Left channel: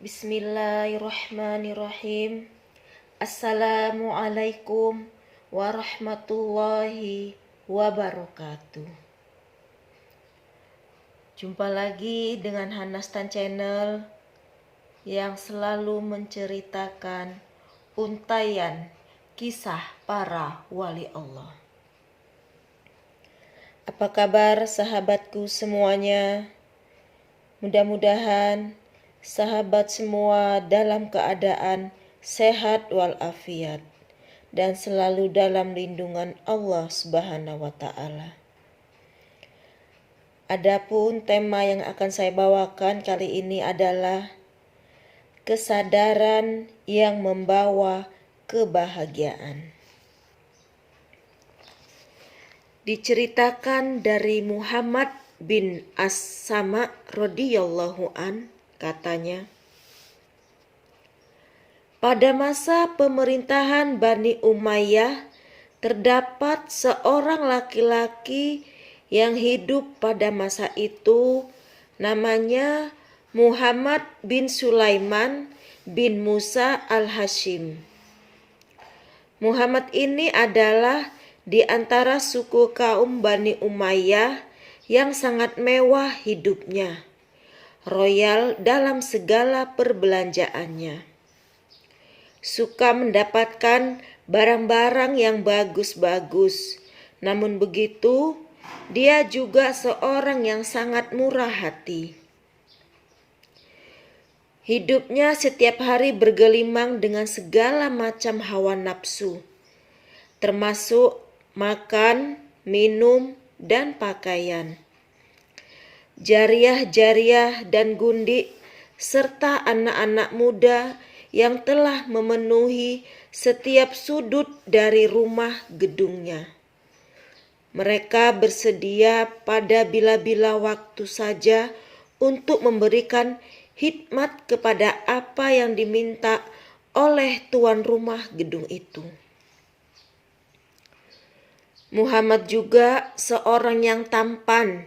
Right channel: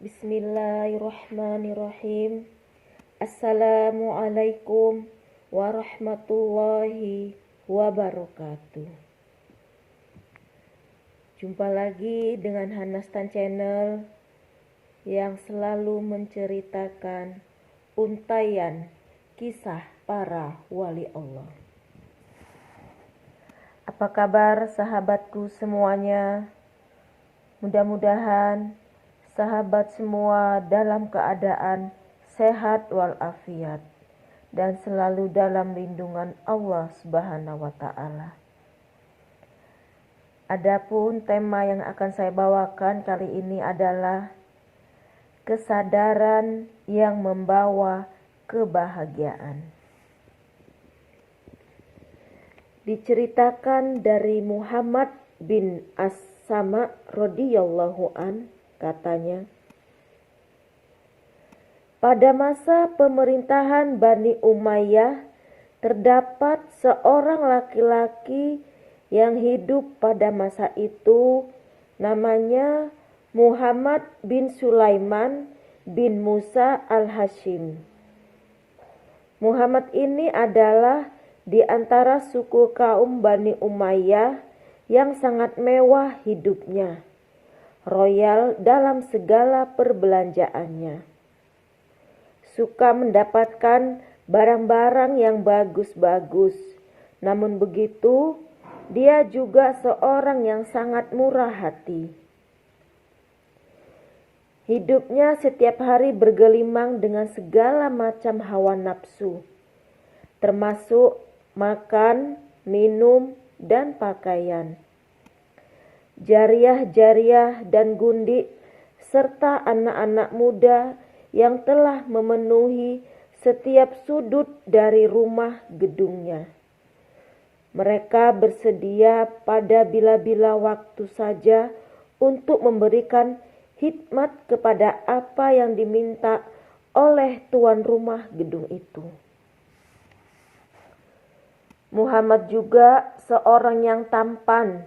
Bismillahirrahmanirrahim. Assalamualaikum warahmatullahi wabarakatuh. Jumpa lagi dengan Hanastan Channel yang selalu menceritakan untaian kisah para wali Allah. Apa kabar sahabatku semuanya? Mudah-mudahan sahabat semua dalam keadaan sehat walafiat dan selalu dalam lindungan Allah Subhanahu wa taala. Adapun tema yang akan saya bawakan kali ini adalah kesadaran yang membawa kebahagiaan. Diceritakan dari Muhammad bin As-Sama radhiyallahu an, katanya, pada masa pemerintahan Bani Umayyah terdapat seorang laki-laki yang hidup pada masa itu, namanya Muhammad bin Sulaiman bin Musa al-Hashim. Muhammad ini adalah di antara suku kaum Bani Umayyah yang sangat mewah hidupnya, royal dalam segala perbelanjaannya, suka mendapatkan barang-barang yang bagus-bagus. Namun begitu, dia juga seorang yang sangat murah hati. Hidupnya setiap hari bergelimang dengan segala macam hawa nafsu, termasuk makan, minum, dan pakaian. Jariah-jariah dan gundik serta anak-anak muda yang telah memenuhi setiap sudut dari rumah gedungnya. Mereka bersedia pada bila-bila waktu saja untuk memberikan khidmat kepada apa yang diminta oleh tuan rumah gedung itu. Muhammad juga seorang yang tampan.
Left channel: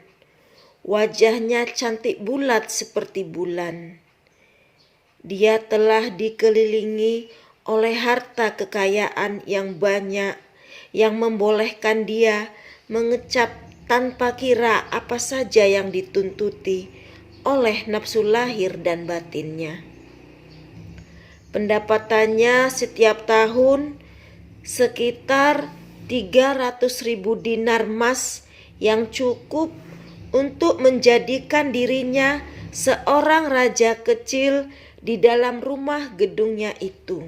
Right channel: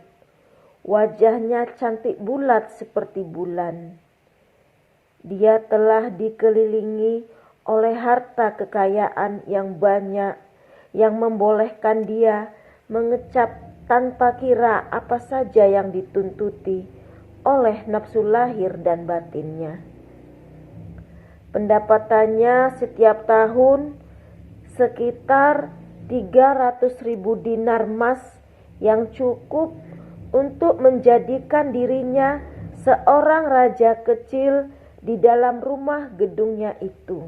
Wajahnya cantik bulat seperti bulan. Dia telah dikelilingi oleh harta kekayaan yang banyak yang membolehkan dia mengecap tanpa kira apa saja yang dituntuti oleh nafsu lahir dan batinnya. Pendapatannya setiap tahun sekitar 300.000 dinar emas yang cukup untuk menjadikan dirinya seorang raja kecil di dalam rumah gedungnya itu.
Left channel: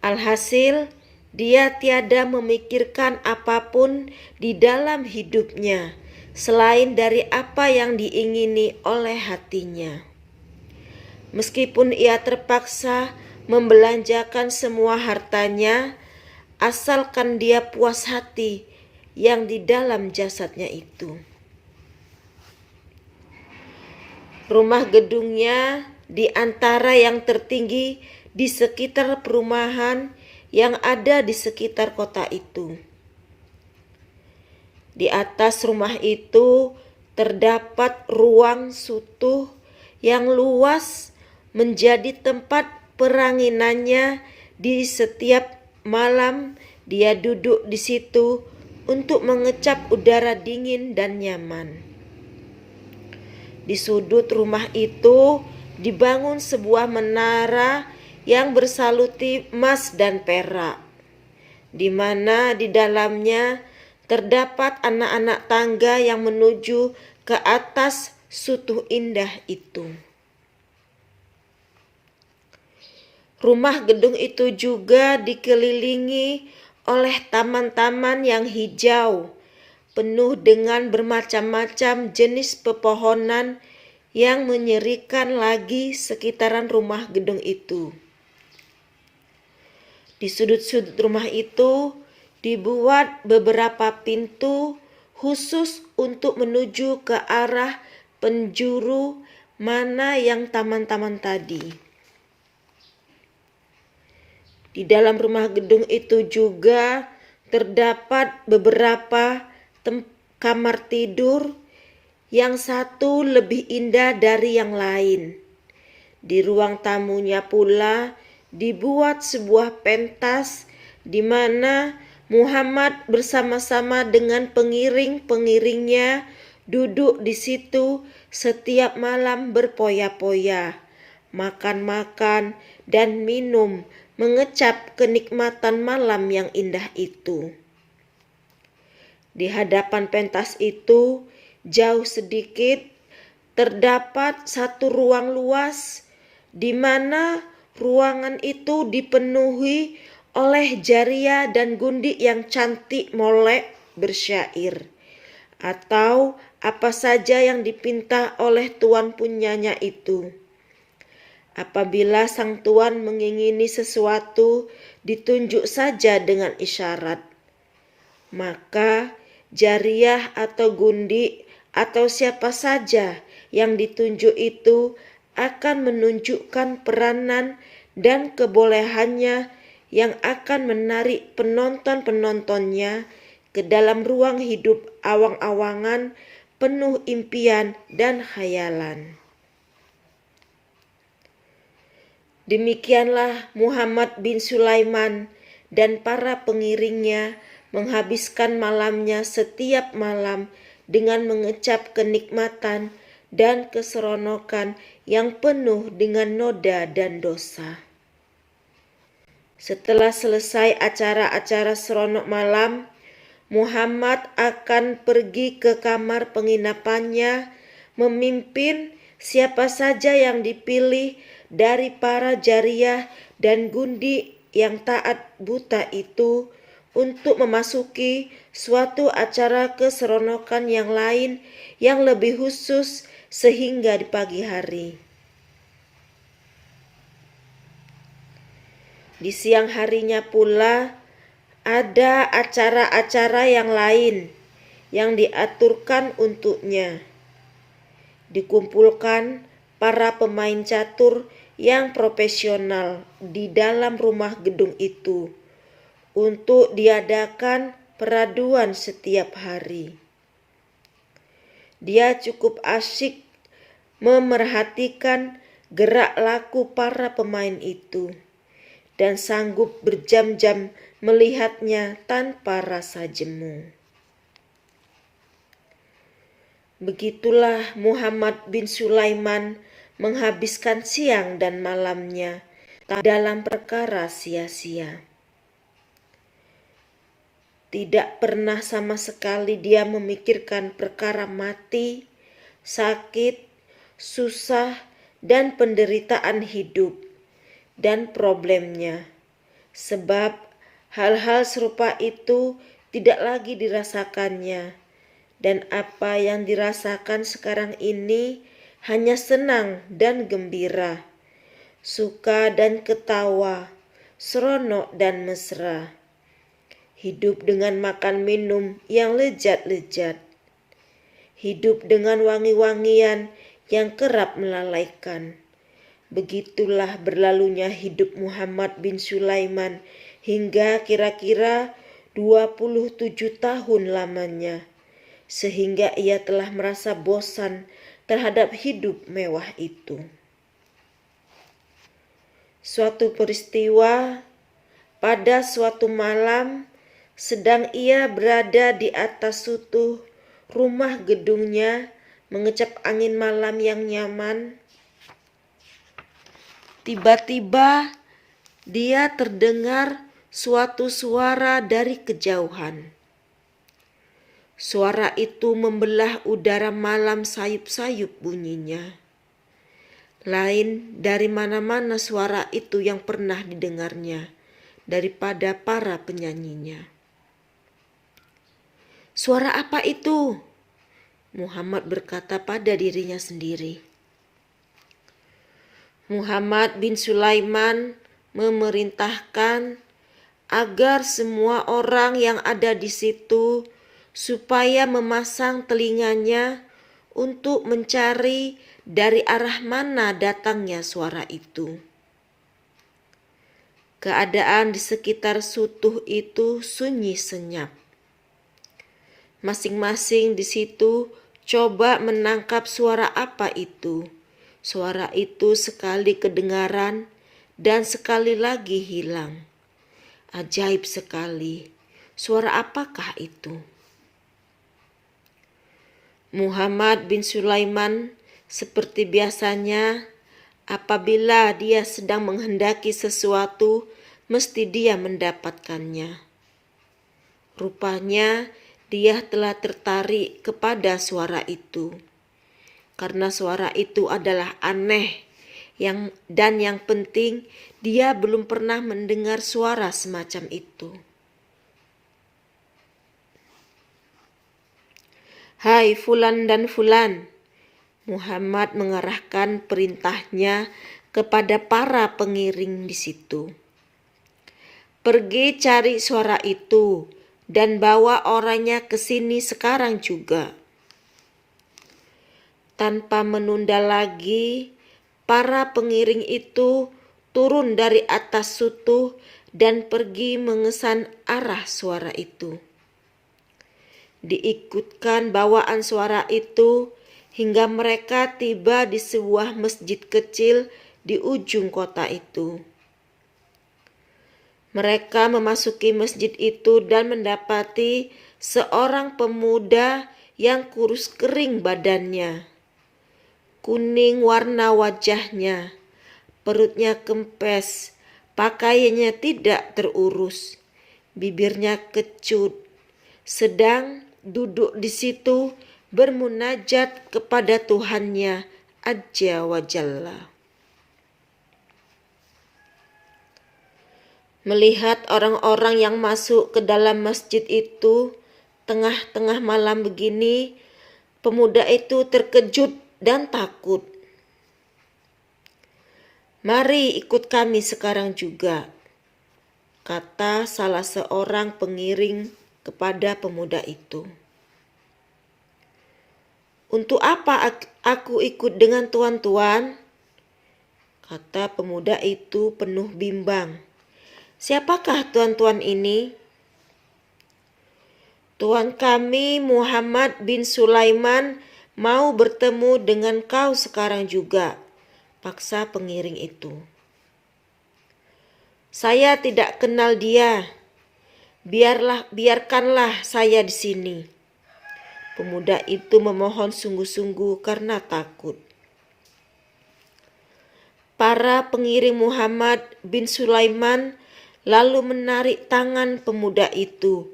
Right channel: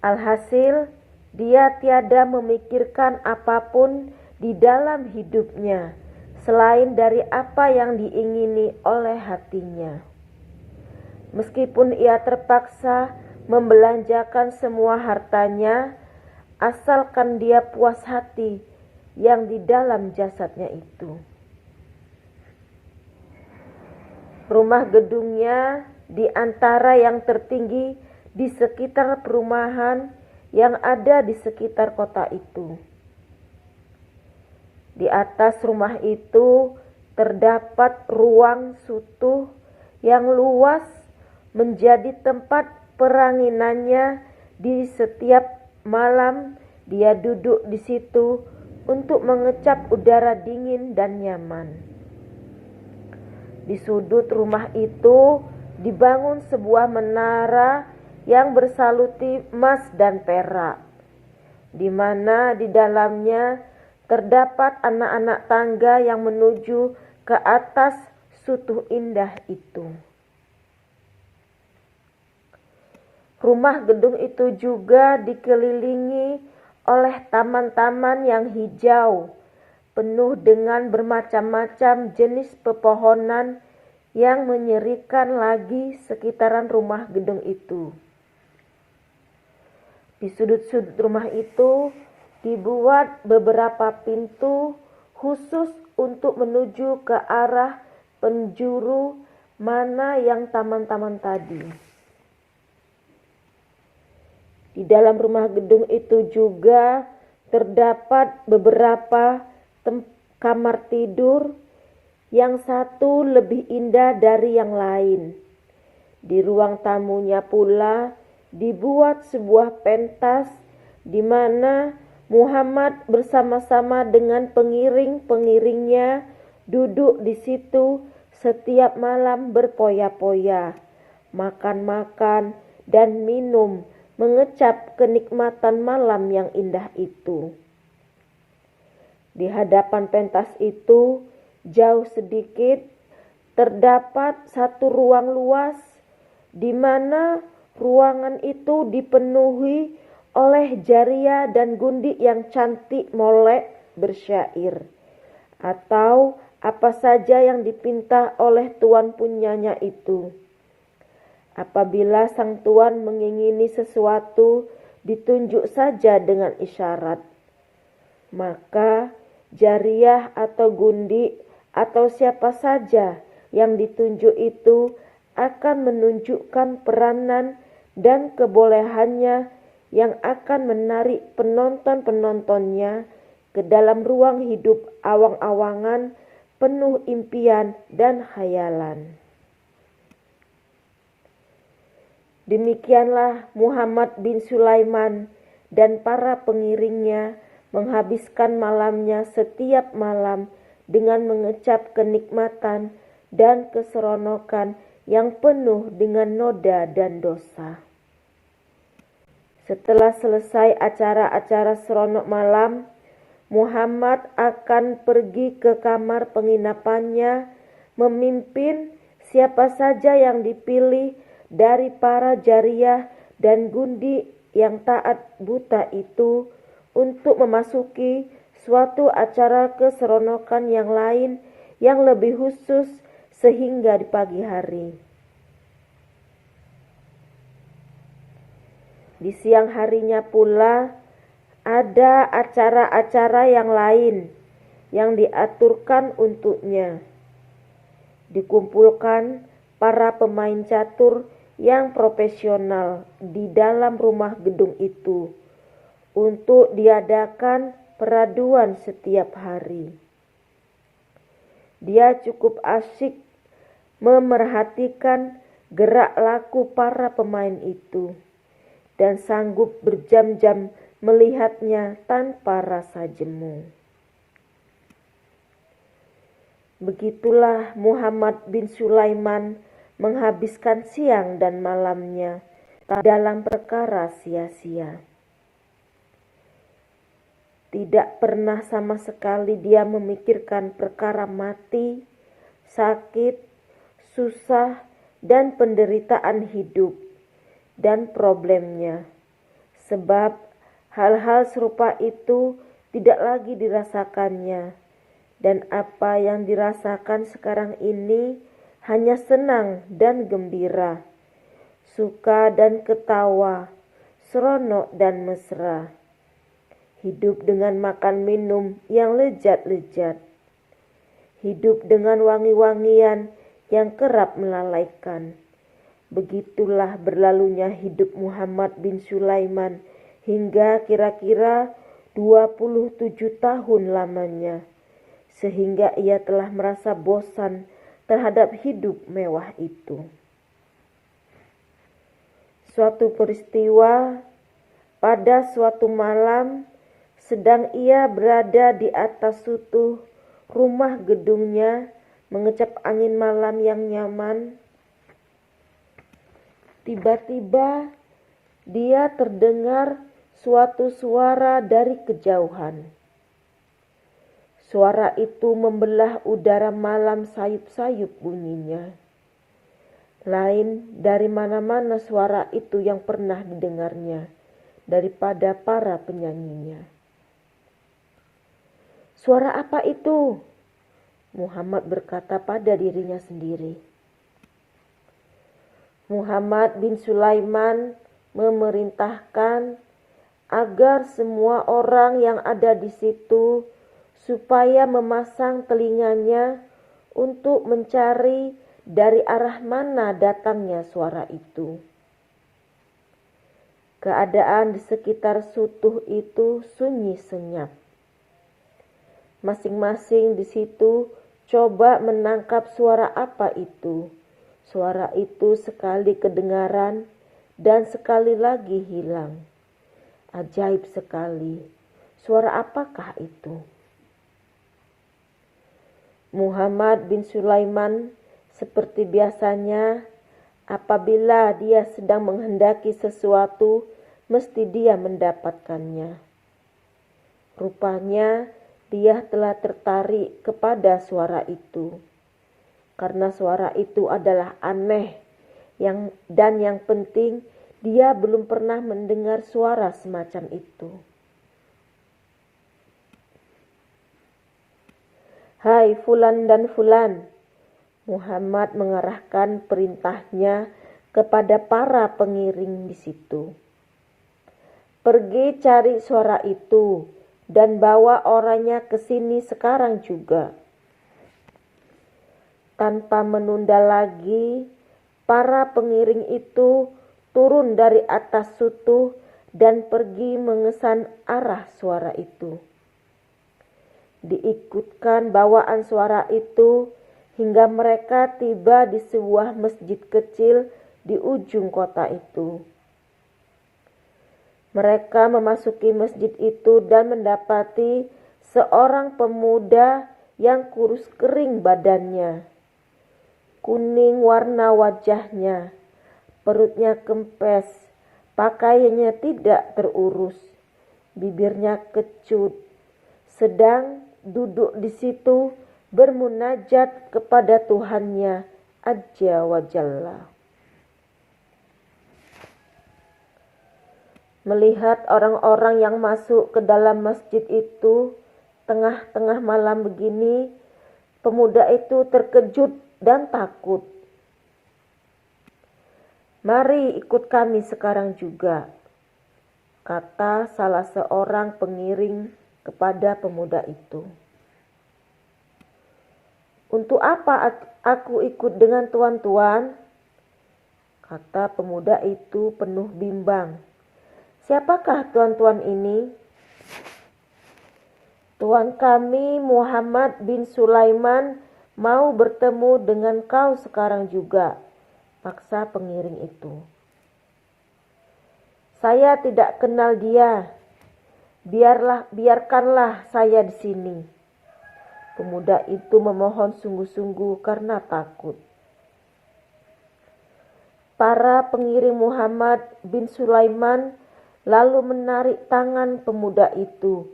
Alhasil, dia tiada memikirkan apapun di dalam hidupnya selain dari apa yang diingini oleh hatinya. Meskipun ia terpaksa membelanjakan semua hartanya, asalkan dia puas hati yang di dalam jasadnya itu. Rumah gedungnya di antara yang tertinggi di sekitar perumahan yang ada di sekitar kota itu. Di atas rumah itu terdapat ruang sutuh yang luas menjadi tempat peranginannya. Di setiap malam dia duduk di situ untuk mengecap udara dingin dan nyaman. Di sudut rumah itu dibangun sebuah menara yang bersaluti emas dan perak, di mana di dalamnya terdapat anak-anak tangga yang menuju ke atas sutuh indah itu. Rumah gedung itu juga dikelilingi oleh taman-taman yang hijau, penuh dengan bermacam-macam jenis pepohonan yang menyerikan lagi sekitaran rumah gedung itu. Di sudut-sudut rumah itu dibuat beberapa pintu khusus untuk menuju ke arah penjuru mana yang taman-taman tadi. Di dalam rumah gedung itu juga terdapat beberapa kamar tidur, yang satu lebih indah dari yang lain. Di ruang tamunya pula dibuat sebuah pentas di mana Muhammad bersama-sama dengan pengiring-pengiringnya duduk di situ setiap malam berpoya-poya, makan-makan dan minum, mengecap kenikmatan malam yang indah itu. Di hadapan pentas itu, jauh sedikit, terdapat satu ruang luas di mana ruangan itu dipenuhi oleh Jariyah dan Gundi yang cantik molek bersyair, atau apa saja yang dipinta oleh tuan punyanya itu. Apabila sang tuan mengingini sesuatu, ditunjuk saja dengan isyarat. Maka Jariyah atau Gundi atau siapa saja yang ditunjuk itu akan menunjukkan peranan dan kebolehannya yang akan menarik penonton-penontonnya ke dalam ruang hidup awang-awangan penuh impian dan khayalan. Demikianlah Muhammad bin Sulaiman dan para pengiringnya menghabiskan malamnya setiap malam dengan mengecap kenikmatan dan keseronokan yang penuh dengan noda dan dosa. Setelah selesai acara-acara seronok malam, Muhammad akan pergi ke kamar penginapannya, memimpin siapa saja yang dipilih dari para Jariyah dan Gundi yang taat buta itu untuk memasuki suatu acara keseronokan yang lain yang lebih khusus sehingga di pagi hari. Di siang harinya pula ada acara-acara yang lain yang diaturkan untuknya. Dikumpulkan para pemain catur yang profesional di dalam rumah gedung itu untuk diadakan peraduan setiap hari. Dia cukup asyik memerhatikan gerak laku para pemain itu dan sanggup berjam-jam melihatnya tanpa rasa jemu. Begitulah Muhammad bin Sulaiman menghabiskan siang dan malamnya dalam perkara sia-sia. Tidak pernah sama sekali dia memikirkan perkara mati, sakit, susah, dan penderitaan hidup dan problemnya. Sebab hal-hal serupa itu tidak lagi dirasakannya. Dan apa yang dirasakan sekarang ini hanya senang dan gembira, suka dan ketawa, seronok dan mesra. Hidup dengan makan minum yang lezat-lezat. Hidup dengan wangi-wangian yang kerap melalaikan. Begitulah berlalunya hidup Muhammad bin Sulaiman hingga kira-kira 27 tahun lamanya. Sehingga ia telah merasa bosan terhadap hidup mewah itu. Suatu peristiwa pada suatu malam, sedang ia berada di atas sutuh rumah gedungnya mengecap angin malam yang nyaman. Tiba-tiba dia terdengar suatu suara dari kejauhan. Suara itu membelah udara malam sayup-sayup bunyinya. Lain dari mana-mana suara itu yang pernah didengarnya daripada para penyanyinya. Suara apa itu? Muhammad berkata pada dirinya sendiri. Muhammad bin Sulaiman memerintahkan agar semua orang yang ada di situ supaya memasang telinganya untuk mencari dari arah mana datangnya suara itu. Keadaan di sekitar Sutuh itu sunyi senyap. Masing-masing di situ coba menangkap suara apa itu. Suara itu sekali kedengaran dan sekali lagi hilang. Ajaib sekali. Suara apakah itu? Muhammad bin Sulaiman seperti biasanya, apabila dia sedang menghendaki sesuatu, mesti dia mendapatkannya. Rupanya dia telah tertarik kepada suara itu. Karena suara itu adalah aneh, dan yang penting dia belum pernah mendengar suara semacam itu. Hai fulan dan fulan, Muhammad mengarahkan perintahnya kepada para pengiring di situ. Pergi cari suara itu dan bawa orangnya ke sini sekarang juga. Tanpa menunda lagi, para pengiring itu turun dari atas Sutuh dan pergi mengesan arah suara itu. Diikutkan bawaan suara itu hingga mereka tiba di sebuah masjid kecil di ujung kota itu. Mereka memasuki masjid itu dan mendapati seorang pemuda yang kurus kering badannya. Kuning warna wajahnya, perutnya kempes, pakaiannya tidak terurus, bibirnya kecut, sedang duduk di situ bermunajat kepada Tuhannya Azza wa Jalla. Melihat orang-orang yang masuk ke dalam masjid itu tengah-tengah malam begini, pemuda itu terkejut dan takut. "Mari ikut kami sekarang juga," kata salah seorang pengiring kepada pemuda itu. "Untuk apa aku ikut dengan tuan-tuan?" kata pemuda itu penuh bimbang. "Siapakah tuan-tuan ini?" "Tuan kami Muhammad bin Sulaiman mau bertemu dengan kau sekarang juga," paksa pengiring itu. "Saya tidak kenal dia. Biarkanlah saya di sini." Pemuda itu memohon sungguh-sungguh karena takut. Para pengiring Muhammad bin Sulaiman lalu menarik tangan pemuda itu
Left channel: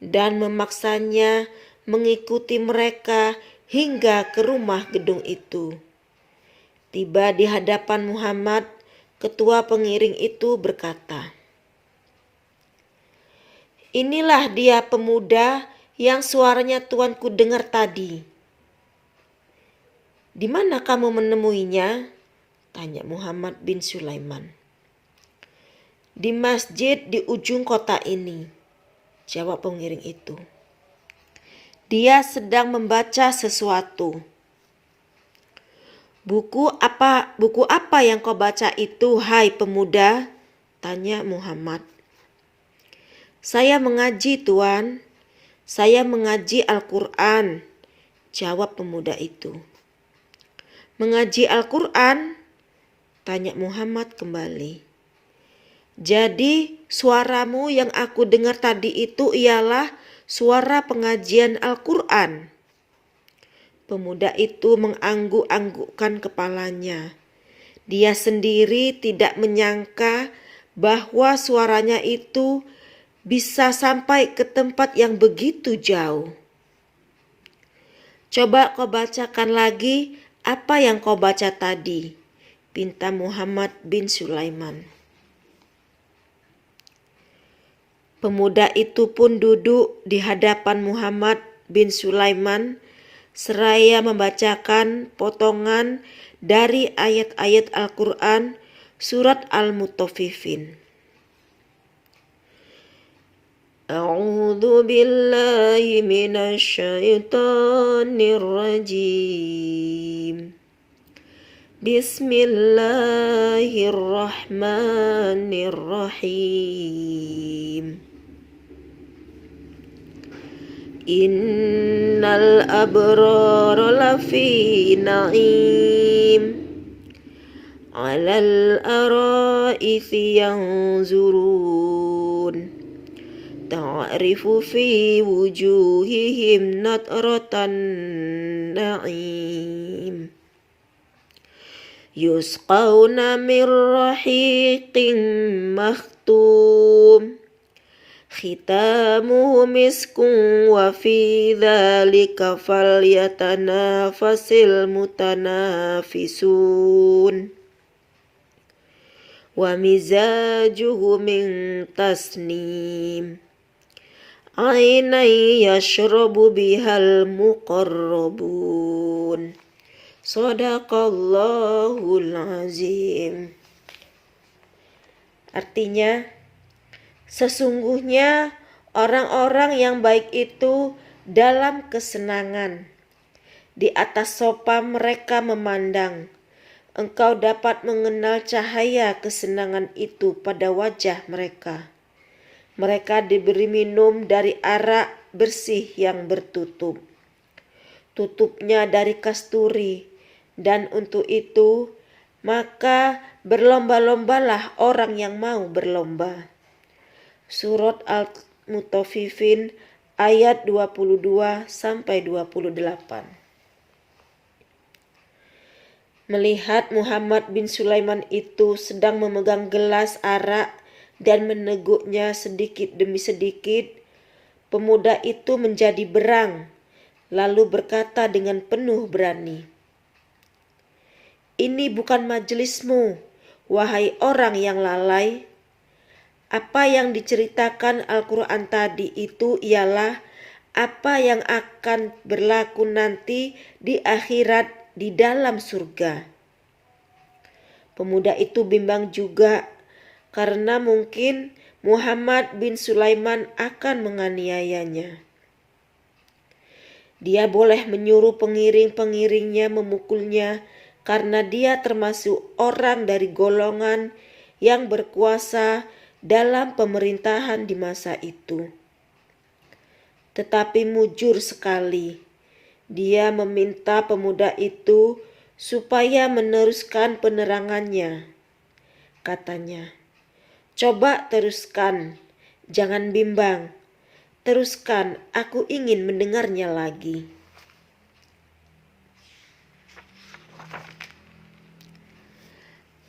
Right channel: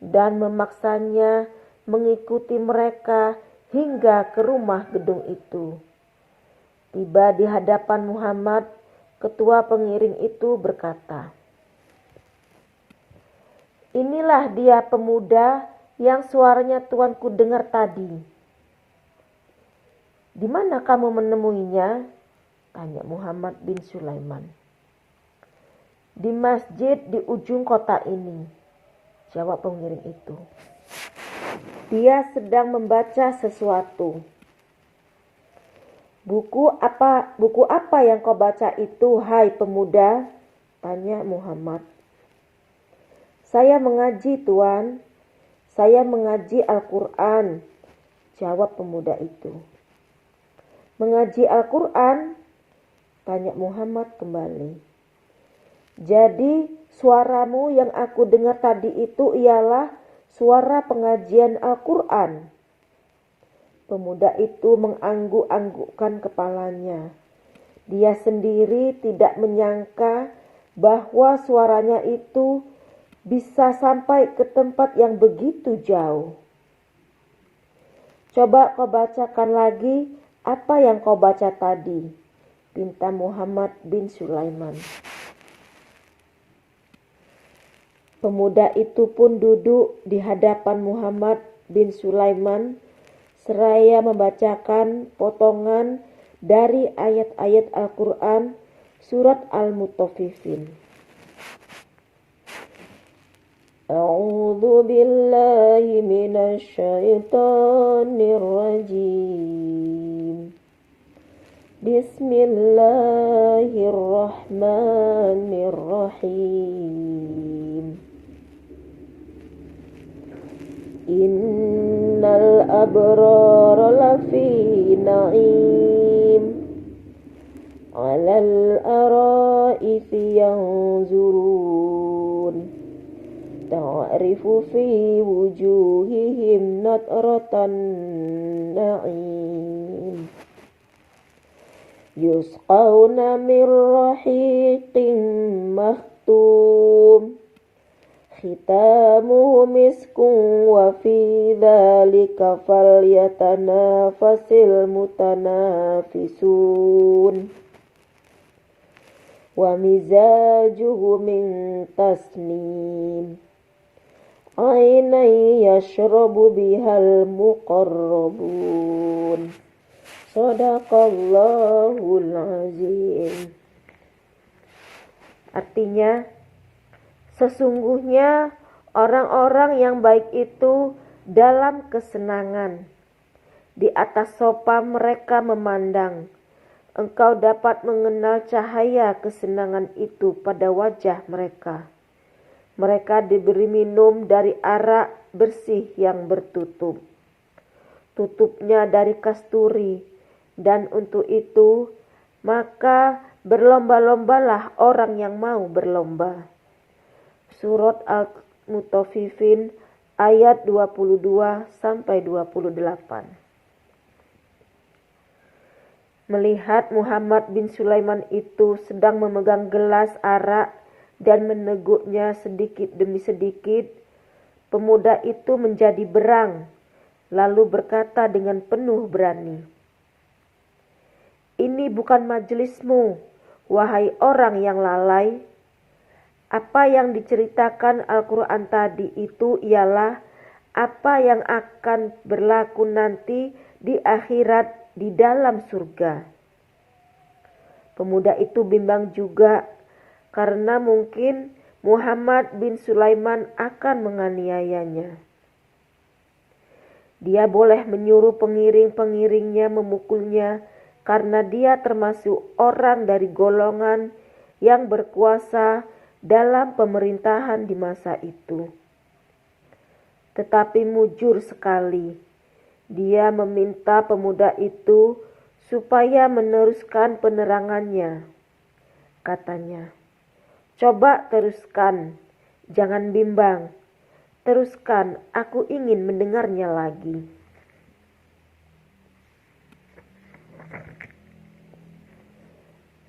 dan memaksanya mengikuti mereka hingga ke rumah gedung itu. Tiba di hadapan Muhammad, ketua pengiring itu berkata, "Inilah dia pemuda yang suaranya tuanku dengar tadi." "Di mana kamu menemuinya?" tanya Muhammad bin Sulaiman. "Di masjid di ujung kota ini," jawab pengiring itu. "Dia sedang membaca sesuatu." Buku apa yang kau baca itu, hai pemuda?" tanya Muhammad. "Saya mengaji, Tuan. Saya mengaji Al-Quran," jawab pemuda itu. "Mengaji Al-Quran?" tanya Muhammad kembali. "Jadi suaramu yang aku dengar tadi itu ialah suara pengajian Al-Quran?" Pemuda itu mengangguk-anggukkan kepalanya. Dia sendiri tidak menyangka bahwa suaranya itu bisa sampai ke tempat yang begitu jauh. "Coba kau bacakan lagi apa yang kau baca tadi," pinta Muhammad bin Sulaiman. Pemuda itu pun duduk di hadapan Muhammad bin Sulaiman seraya membacakan potongan dari ayat-ayat Al-Quran surat Al-Mutaffifin. A'udzu billahi minasy syaithanir rajim. Bismillahirrahmanirrahim. Innal abrara lafi na'im, 'alal ara'ithi yanzurun, ta'rifu fi wujuhihim nadratan na'im, yusqawna min rahiqin makhtum, khitamuhu miskun, wa fi dzalika falyatanafasil mutanafisun, wa mizajuhu min tasnim, ainan yashrabu bihal muqarrabun. Shadaqallahul azim. Artinya, sesungguhnya orang-orang yang baik itu dalam kesenangan. Di atas sofa mereka memandang. Engkau dapat mengenal cahaya kesenangan itu pada wajah mereka. Mereka diberi minum dari arak bersih yang bertutup. Tutupnya dari kasturi. Dan untuk itu, maka berlomba-lombalah orang yang mau berlomba. Surat Al-Mutaffifin ayat 22-28. Melihat Muhammad bin Sulaiman itu sedang memegang gelas arak dan meneguknya sedikit demi sedikit, pemuda itu menjadi berang, lalu berkata dengan penuh berani, "Ini bukan majelismu, wahai orang yang lalai. Apa yang diceritakan Al-Quran tadi itu ialah apa yang akan berlaku nanti di akhirat di dalam surga." Pemuda itu bimbang juga karena mungkin Muhammad bin Sulaiman akan menganiayanya. Dia boleh menyuruh pengiring-pengiringnya memukulnya karena dia termasuk orang dari golongan yang berkuasa dalam pemerintahan di masa itu. Tetapi mujur sekali, dia meminta pemuda itu supaya meneruskan penerangannya. Katanya, "Coba teruskan, jangan bimbang. Teruskan, aku ingin mendengarnya lagi."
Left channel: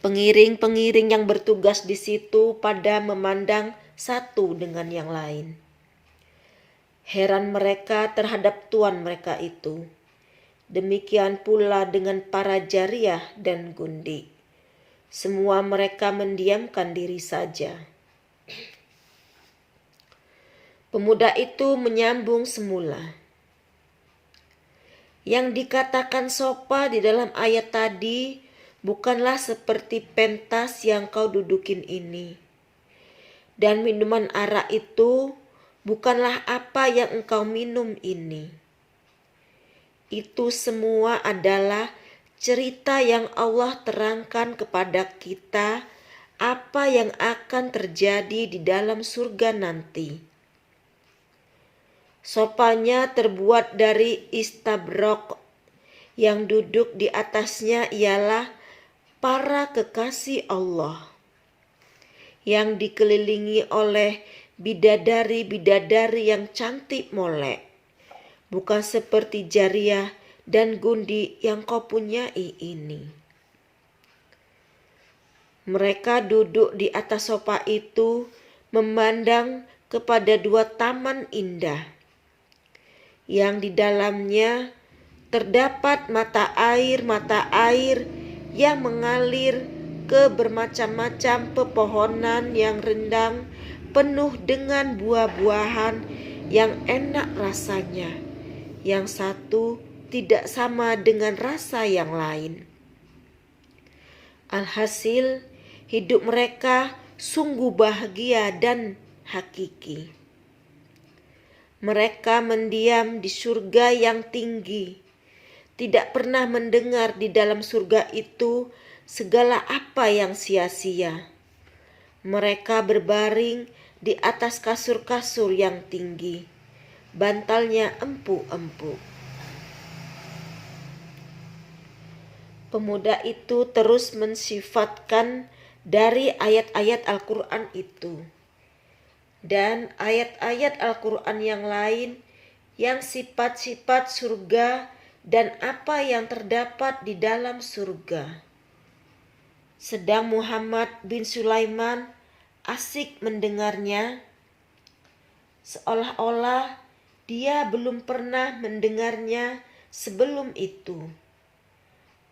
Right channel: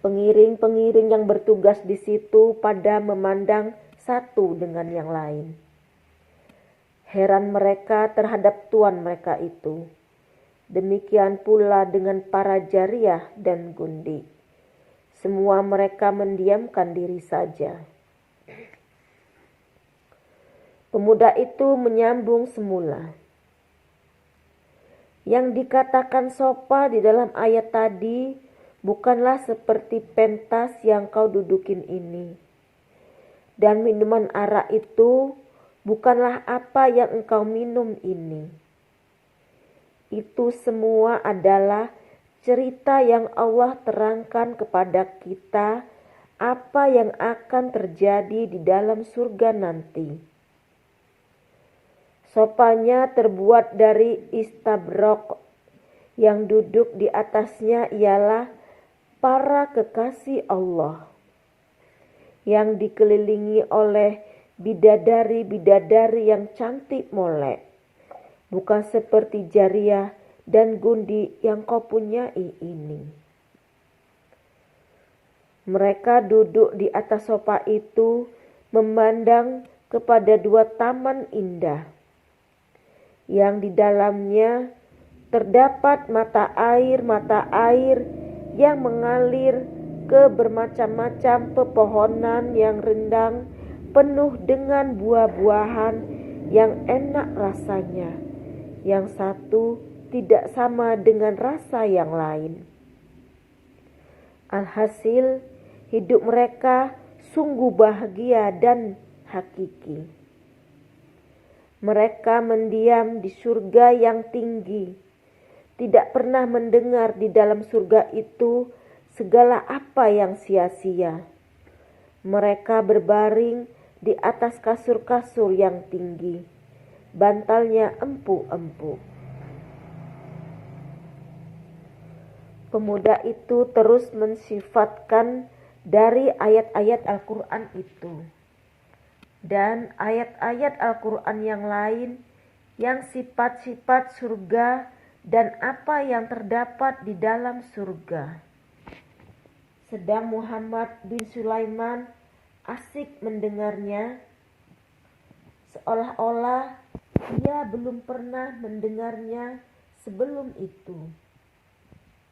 Pengiring-pengiring yang bertugas di situ pada memandang satu dengan yang lain. Heran mereka terhadap tuan mereka itu. Demikian pula dengan para jariyah dan gundi. Semua mereka mendiamkan diri saja. Pemuda itu menyambung semula. Yang dikatakan sopa di dalam ayat tadi bukanlah seperti pentas yang kau dudukin ini. Dan minuman arak itu bukanlah apa yang engkau minum ini. Itu semua adalah cerita yang Allah terangkan kepada kita apa yang akan terjadi di dalam surga nanti. Sopanya terbuat dari istabrok. Yang duduk di atasnya ialah para kekasih Allah yang dikelilingi oleh bidadari-bidadari yang cantik molek, bukan seperti jariyah dan gundi yang kau punyai ini. Mereka duduk di atas sofa itu memandang kepada dua taman indah yang di dalamnya terdapat mata air yang mengalir ke bermacam-macam pepohonan yang rindang penuh dengan buah-buahan yang enak rasanya. Yang satu tidak sama dengan rasa yang lain. Alhasil, hidup mereka sungguh bahagia dan hakiki. Mereka mendiam di surga yang tinggi. tidak pernah mendengar di dalam surga itu segala apa yang sia-sia. Mereka berbaring di atas kasur-kasur yang tinggi, bantalnya empuk-empuk. Pemuda itu terus mensifatkan dari ayat-ayat Al-Quran itu dan ayat-ayat Al-Quran yang lain yang sifat-sifat surga dan apa yang terdapat di dalam surga. Sedang Muhammad bin Sulaiman asik mendengarnya, seolah-olah dia belum pernah mendengarnya sebelum itu.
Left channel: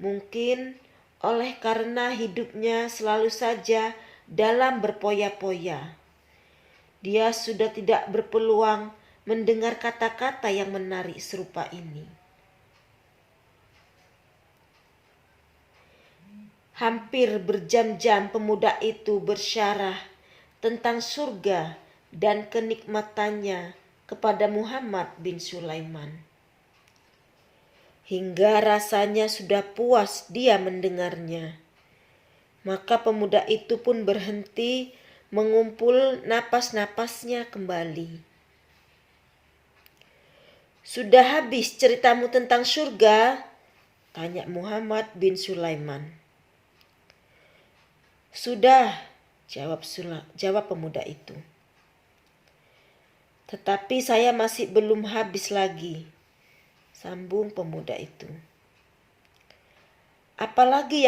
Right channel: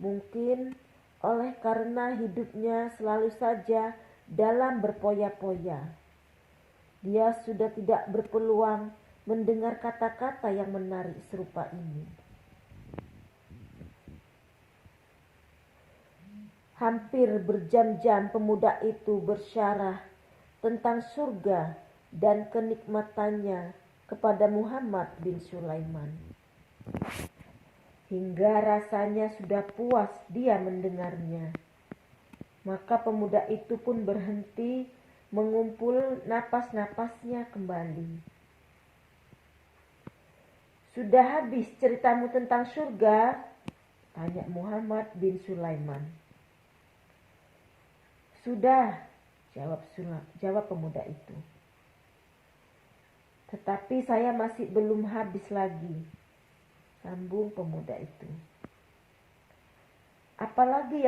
Mungkin oleh karena hidupnya selalu saja dalam berpoya-poya, dia sudah tidak berpeluang mendengar kata-kata yang menarik serupa ini. Hampir berjam-jam pemuda itu bersyarah tentang surga dan kenikmatannya kepada Muhammad bin Sulaiman. Hingga rasanya sudah puas dia mendengarnya. Maka pemuda itu pun berhenti mengumpul napas-napasnya kembali. "Sudah habis ceritamu tentang surga?" tanya Muhammad bin Sulaiman. "Sudah," jawab pemuda itu. "Tetapi saya masih belum habis lagi," sambung pemuda itu. Apalagi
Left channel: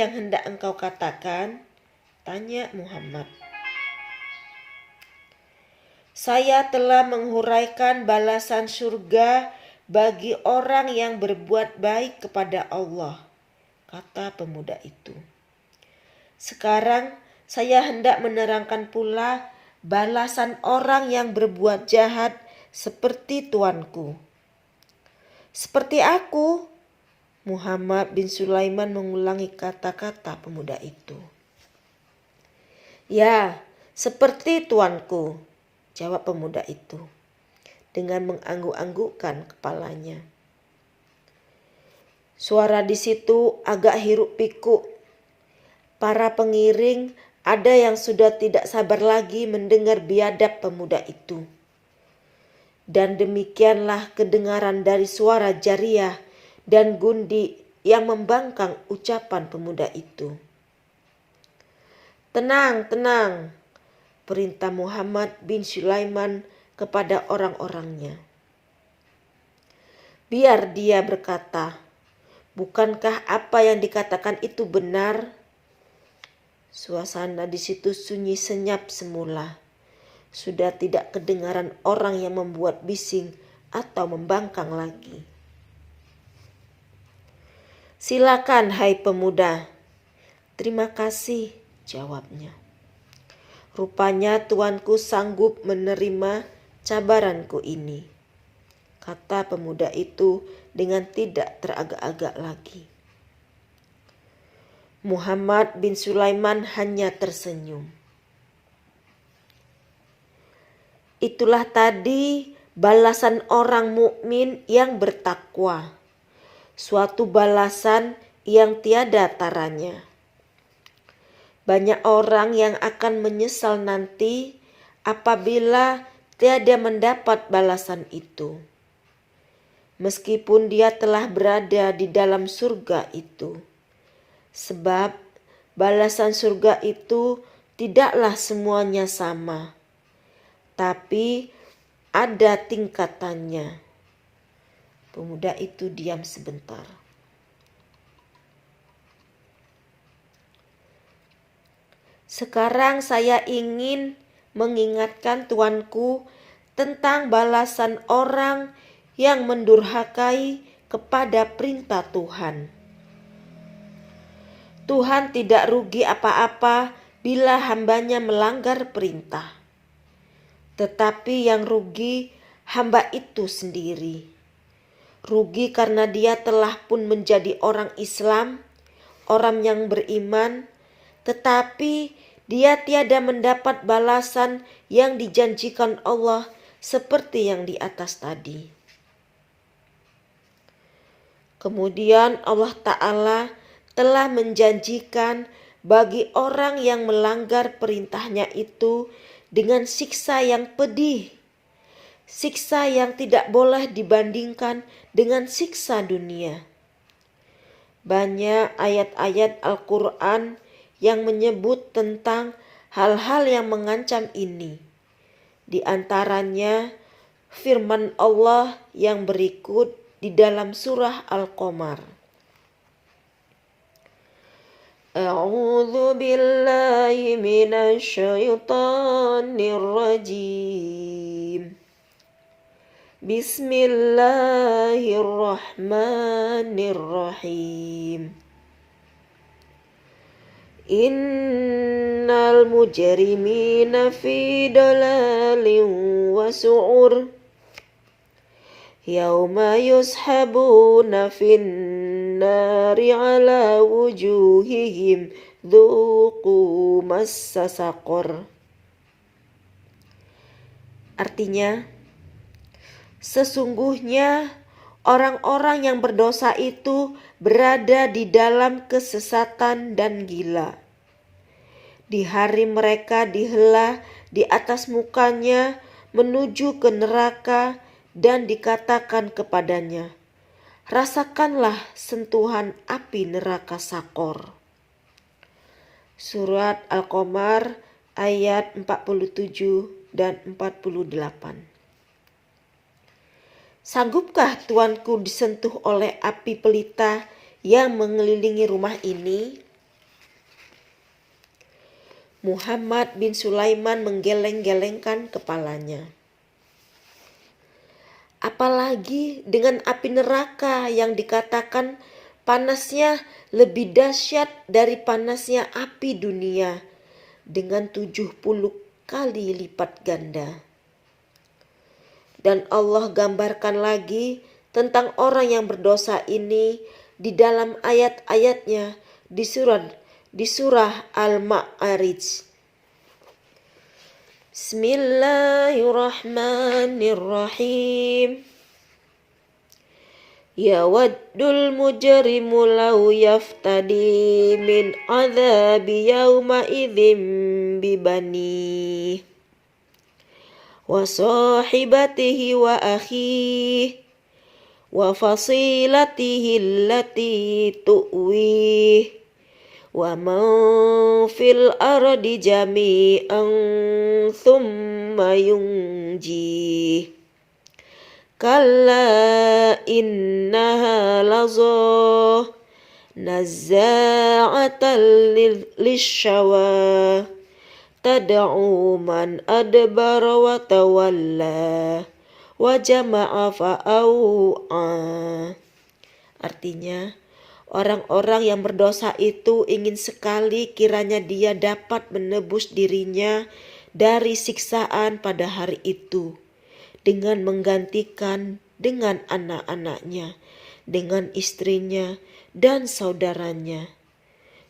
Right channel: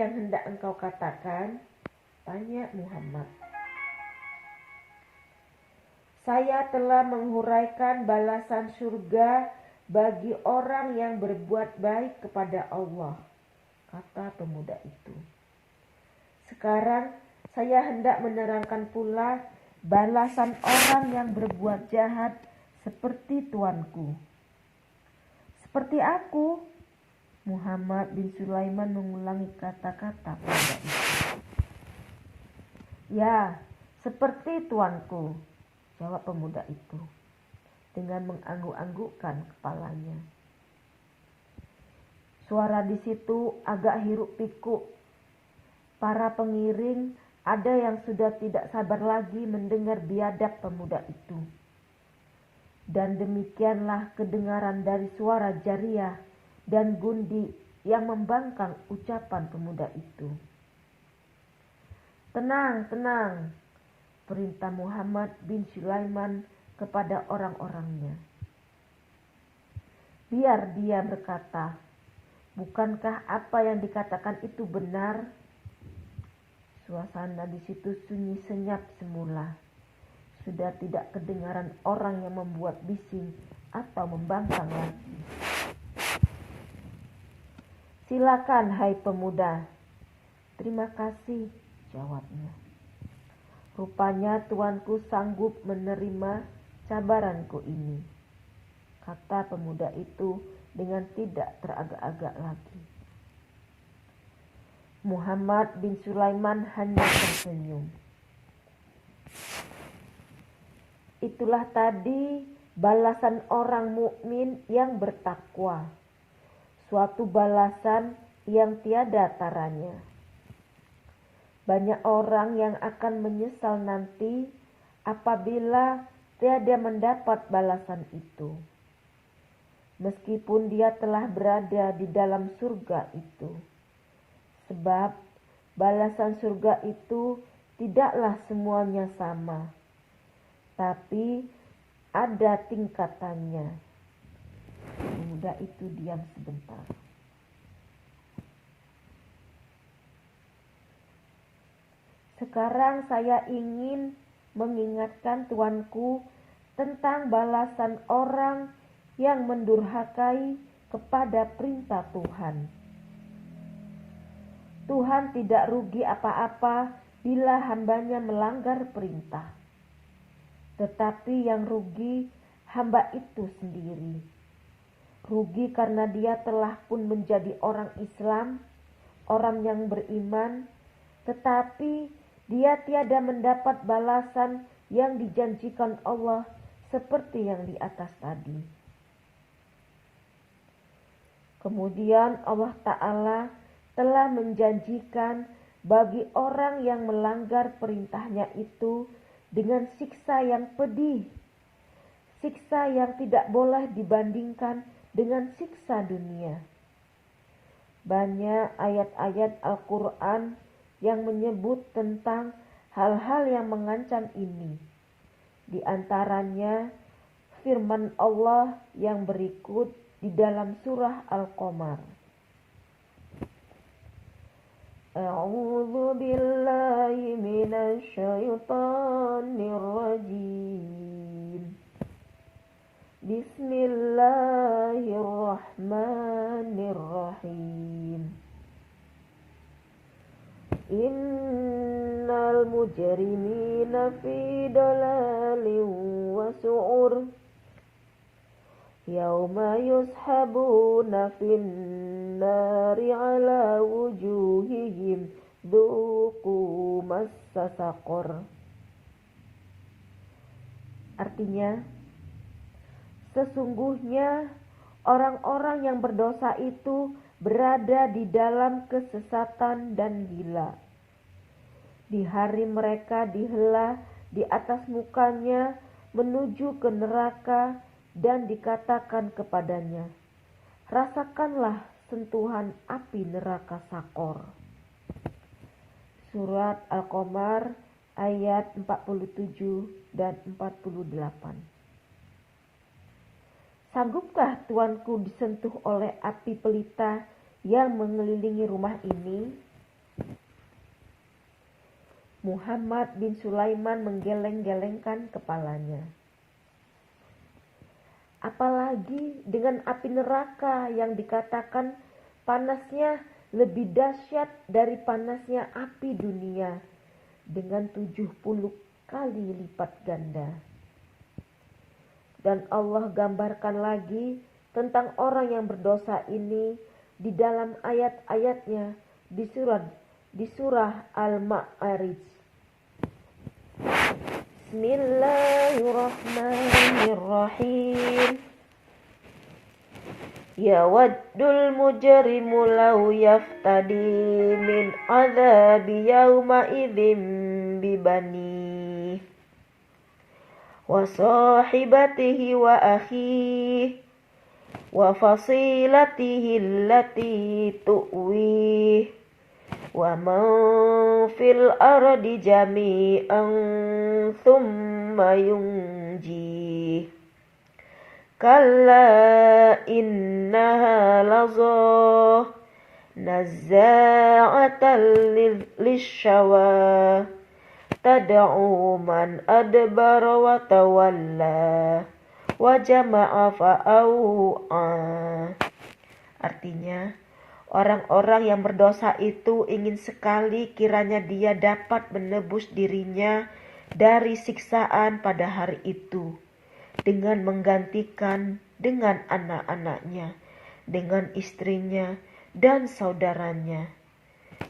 yang hendak engkau katakan?" tanya Muhammad. "Saya telah menghuraikan balasan surga bagi orang yang berbuat baik kepada Allah," kata pemuda itu. "Sekarang saya hendak menerangkan pula balasan orang yang berbuat jahat seperti tuanku." "Seperti aku?" Muhammad bin Sulaiman mengulangi kata-kata pemuda itu. "Ya, seperti tuanku," jawab pemuda itu dengan mengangguk-anggukkan kepalanya. Suara di situ agak hiruk-pikuk. Para pengiring ada yang sudah tidak sabar lagi mendengar biadab pemuda itu. Dan demikianlah kedengaran dari suara Jariyah dan Gundi yang membangkang ucapan pemuda itu. "Tenang, tenang," perintah Muhammad bin Sulaiman kepada orang-orangnya. "Biar dia berkata, bukankah apa yang dikatakan itu benar?" Suasana di situ sunyi senyap semula. Sudah tidak kedengaran orang yang membuat bising atau membangkang lagi. "Silakan, hai pemuda." "Terima kasih," jawabnya. "Rupanya tuanku sanggup menerima cabaranku ini," kata pemuda itu dengan tidak teragak-agak lagi. Muhammad bin Sulaiman hanya tersenyum. Itulah tadi balasan orang mukmin yang bertakwa, suatu balasan yang tiada taranya. Banyak orang yang akan menyesal nanti apabila tiada mendapat balasan itu, meskipun dia telah berada di dalam surga itu. Sebab balasan surga itu tidaklah semuanya sama, tapi ada tingkatannya. Pemuda itu diam sebentar. "Sekarang saya ingin mengingatkan tuanku tentang balasan orang yang mendurhakai kepada perintah Tuhan. Tuhan tidak rugi apa-apa bila hambanya melanggar perintah. Tetapi yang rugi hamba itu sendiri. Rugi karena dia telah pun menjadi orang Islam, orang yang beriman, tetapi dia tiada mendapat balasan yang dijanjikan Allah seperti yang di atas tadi." Kemudian Allah Ta'ala telah menjanjikan bagi orang yang melanggar perintahnya itu dengan siksa yang pedih. Siksa yang tidak boleh dibandingkan dengan siksa dunia. Banyak ayat-ayat Al-Quran yang menyebut tentang hal-hal yang mengancam ini. Di antaranya firman Allah yang berikut di dalam surah Al-Qamar. A'udzu billahi minasy syaithanir rajim. Bismillahirrahmanirrahim. Innal mujrimina fi dalalin wa su'ur. Yauma yushabuna fin nari ala wujuhihim dhuqu massa saqar. Artinya, sesungguhnya orang-orang yang berdosa itu berada di dalam kesesatan dan gila. Di hari mereka dihela di atas mukanya menuju ke neraka dan dikatakan kepadanya, rasakanlah sentuhan api neraka Sakor. Surat Al-Qamar ayat 47 dan 48. Sanggupkah tuanku disentuh oleh api pelita yang mengelilingi rumah ini? Muhammad bin Sulaiman menggeleng-gelengkan kepalanya. Apalagi dengan api neraka yang dikatakan panasnya lebih dahsyat dari panasnya api dunia dengan 70 kali lipat ganda. Dan Allah gambarkan lagi tentang orang yang berdosa ini di dalam ayat-ayatnya di surah Al-Ma'arij. Bismillahirrahmanirrahim. Yawaddul mujrimu law yaftadi min adzabi yawma idzin bibani wa sahibatihi wa akhihi wa fasilatihi allati tu'wih wa man fil ardi jami'an thumma yunji kalla innaha lazah nazza'atan lishawa tad'u man adbara wa tawalla wa jama'a fa'au'a. Artinya, orang-orang yang berdosa itu ingin sekali kiranya dia dapat menebus dirinya dari siksaan pada hari itu dengan menggantikan dengan anak-anaknya, dengan istrinya dan saudaranya,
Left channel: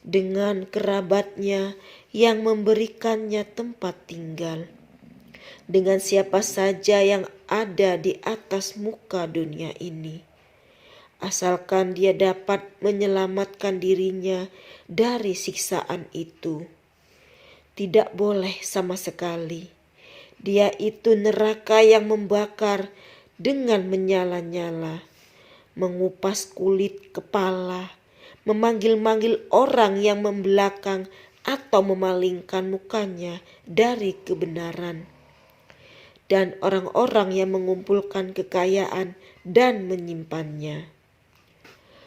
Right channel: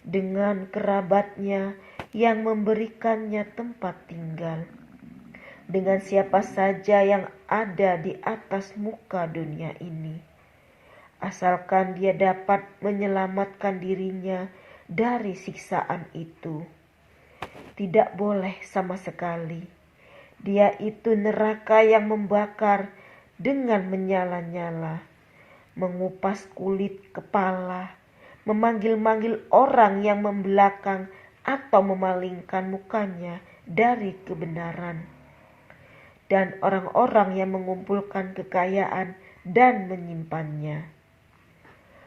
dengan kerabatnya yang memberikannya tempat tinggal, dengan siapa saja yang ada di atas muka dunia ini, asalkan dia dapat menyelamatkan dirinya dari siksaan itu. Tidak boleh sama sekali. Dia itu neraka yang membakar dengan menyala-nyala, mengupas kulit kepala, memanggil-manggil orang yang membelakang atau memalingkan mukanya dari kebenaran, dan orang-orang yang mengumpulkan kekayaan dan menyimpannya.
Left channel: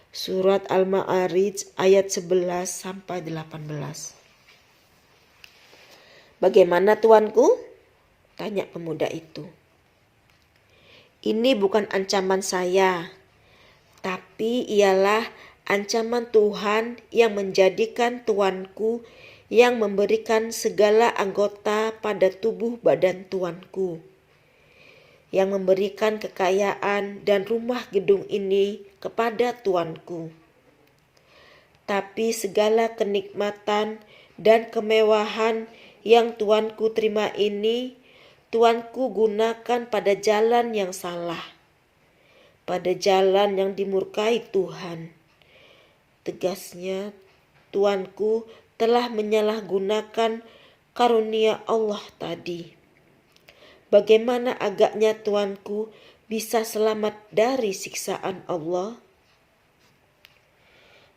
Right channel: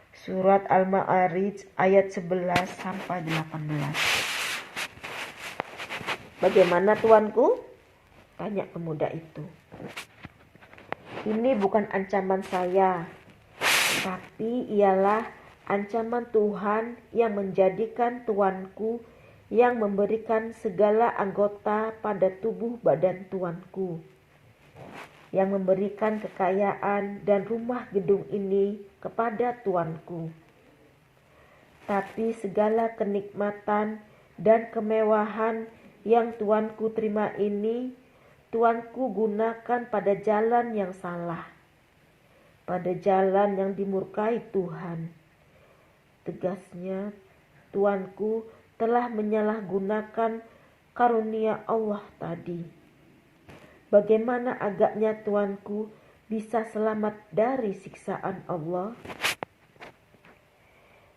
Surat Al-Ma'arij ayat 11 sampai 18. Bagaimana tuanku? Tanya pemuda itu. Ini bukan ancaman saya, tapi ialah ancaman Tuhan yang menjadikan tuanku yang memberikan segala anggota pada tubuh badan tuanku, yang memberikan kekayaan dan rumah gedung ini kepada tuanku. Tapi segala kenikmatan dan kemewahan yang tuanku terima ini, tuanku gunakan pada jalan yang salah. pada jalan yang dimurkai Tuhan. Tegasnya, tuanku telah menyalahgunakan karunia Allah tadi. Bagaimana agaknya tuanku bisa selamat dari siksaan Allah?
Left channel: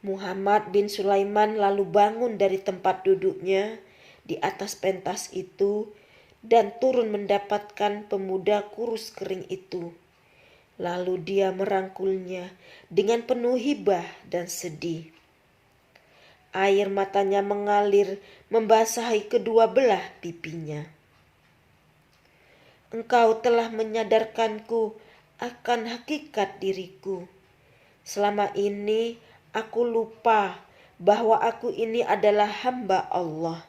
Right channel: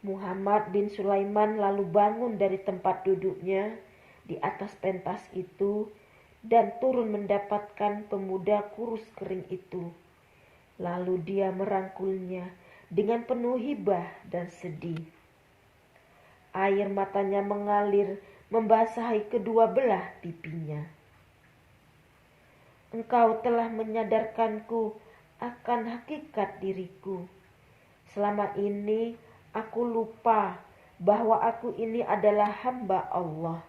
Muhammad bin Sulaiman lalu bangun dari tempat duduknya di atas pentas itu dan turun mendapatkan pemuda kurus kering itu. Lalu dia merangkulnya dengan penuh hibah dan sedih. Air matanya mengalir membasahi kedua belah pipinya. Engkau telah menyadarkanku akan hakikat diriku. Selama ini aku lupa bahwa aku ini adalah hamba Allah.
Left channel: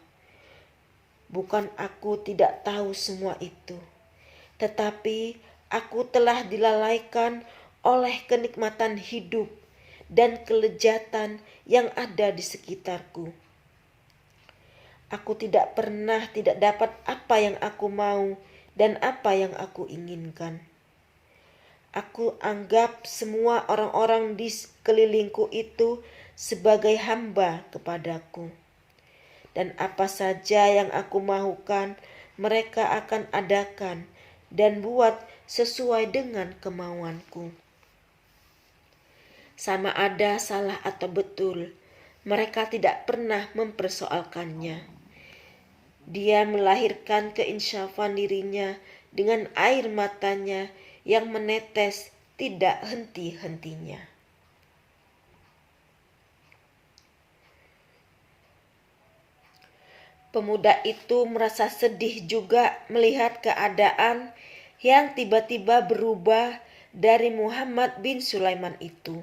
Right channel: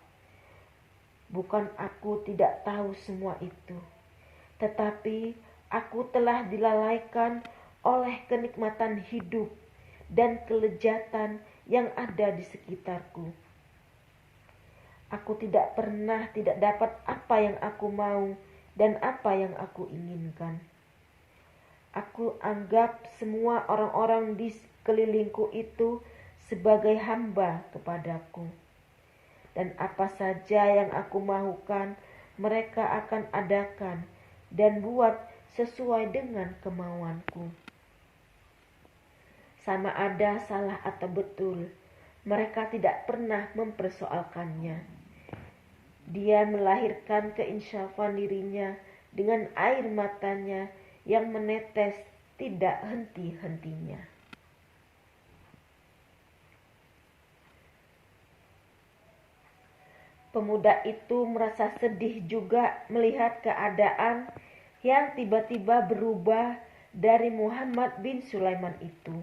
Bukan aku tidak tahu semua itu, tetapi aku telah dilalaikan oleh kenikmatan hidup dan kelezatan yang ada di sekitarku. Aku tidak pernah tidak dapat apa yang aku mau dan apa yang aku inginkan. Aku anggap semua orang-orang di sekelilingku itu sebagai hamba kepadaku. Dan apa saja yang aku mahukan, mereka akan adakan dan buat sesuai dengan kemauanku. Sama ada salah atau betul, mereka tidak pernah mempersoalkannya. Dia melahirkan keinsyafan dirinya dengan air matanya yang menetes tidak henti-hentinya. Pemuda itu merasa sedih juga melihat keadaan yang tiba-tiba berubah dari Muhammad bin Sulaiman itu.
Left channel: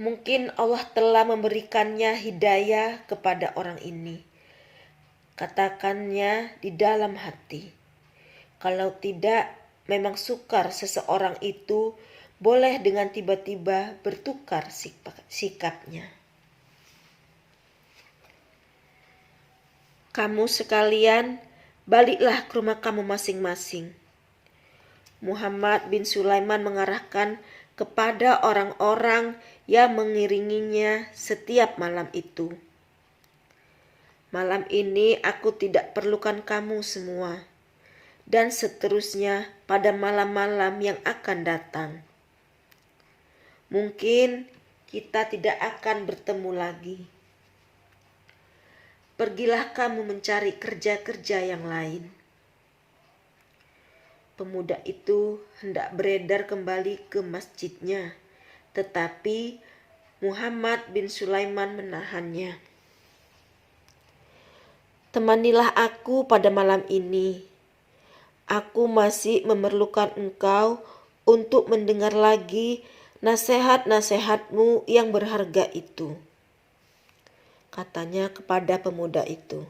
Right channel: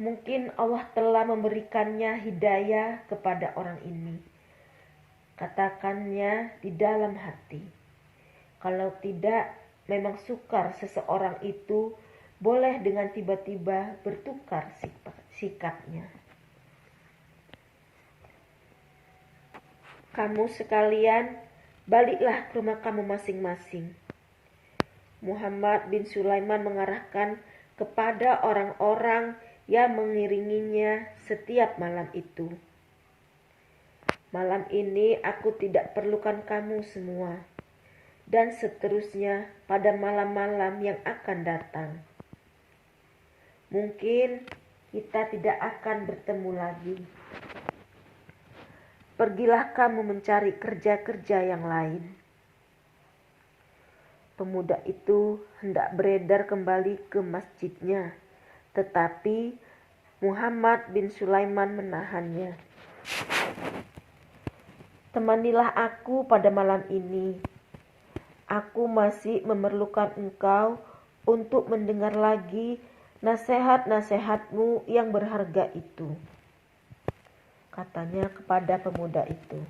Mungkin Allah telah memberikannya hidayah kepada orang ini. Katakannya di dalam hati. Kalau tidak, memang sukar seseorang itu boleh dengan tiba-tiba bertukar sikapnya. Kamu sekalian, baliklah ke rumah kamu masing-masing. Muhammad bin Sulaiman mengarahkan kepada orang-orang yang mengiringinya setiap malam itu. Malam ini aku tidak perlukan kamu semua. Dan seterusnya pada malam-malam yang akan datang. Mungkin kita tidak akan bertemu lagi. Pergilah kamu mencari kerja-kerja yang lain. Pemuda itu hendak beredar kembali ke masjidnya, tetapi Muhammad bin Sulaiman menahannya. Temanilah aku pada malam ini. Aku masih memerlukan engkau untuk mendengar lagi nasihat-nasihatmu yang berharga itu, katanya kepada pemuda itu.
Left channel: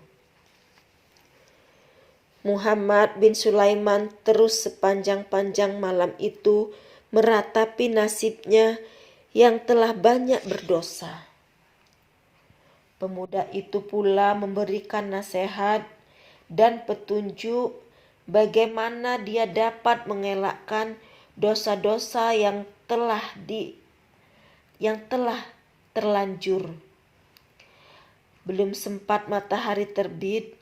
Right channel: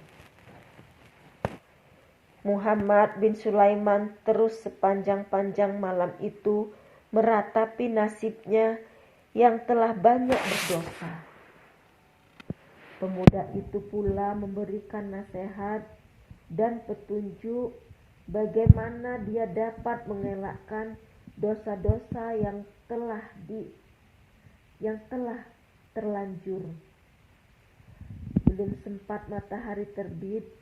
Muhammad bin Sulaiman terus sepanjang-panjang malam itu meratapi nasibnya yang telah banyak berdosa. Pemuda itu pula memberikan nasihat dan petunjuk bagaimana dia dapat mengelakkan dosa-dosa yang telah terlanjur. Belum sempat matahari terbit,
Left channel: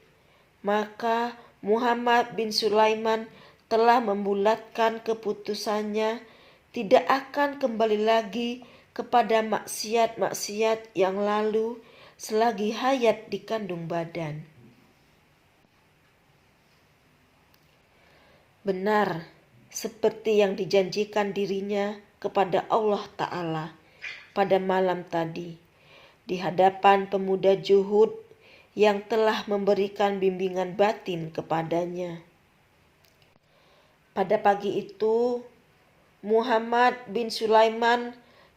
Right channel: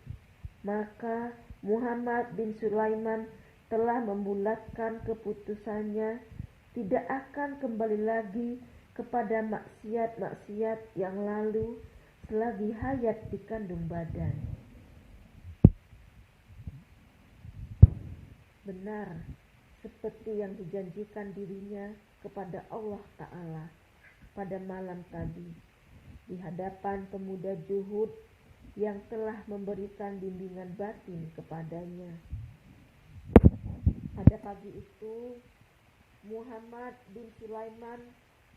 maka Muhammad bin Sulaiman telah membulatkan keputusannya tidak akan kembali lagi kepada maksiat-maksiat yang lalu selagi hayat dikandung badan. Benar, seperti yang dijanjikan dirinya kepada Allah Ta'ala pada malam tadi, di hadapan pemuda Juhud yang telah memberikan bimbingan batin kepadanya. Pada pagi itu, Muhammad bin Sulaiman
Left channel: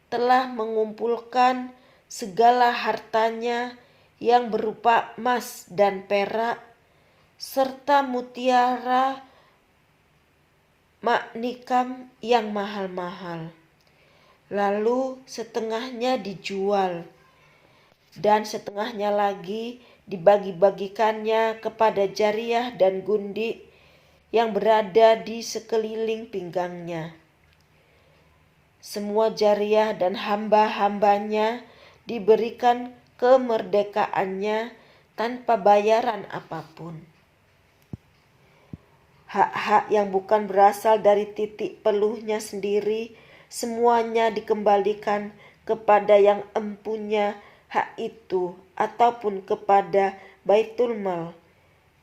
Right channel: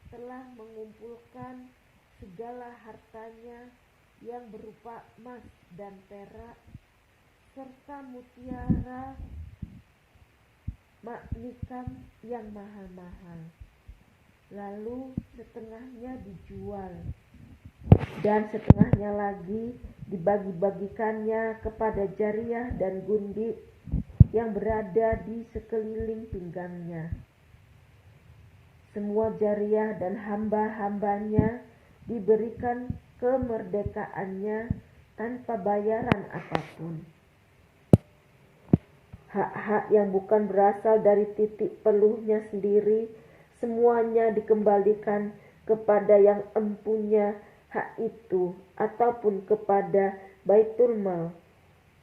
telah mengumpulkan segala hartanya yang berupa emas dan perak, serta mutiara maknikam yang mahal-mahal. Lalu setengahnya dijual dan setengahnya lagi dibagi-bagikannya kepada jariyah dan gundik yang berada di sekeliling pinggangnya. Semua jariah dan hamba-hambanya diberikan kemerdekaannya tanpa bayaran apapun. Hak-hak yang bukan berasal dari titik peluhnya sendiri, semuanya dikembalikan kepada yang empunya hak itu ataupun kepada Baitul Mal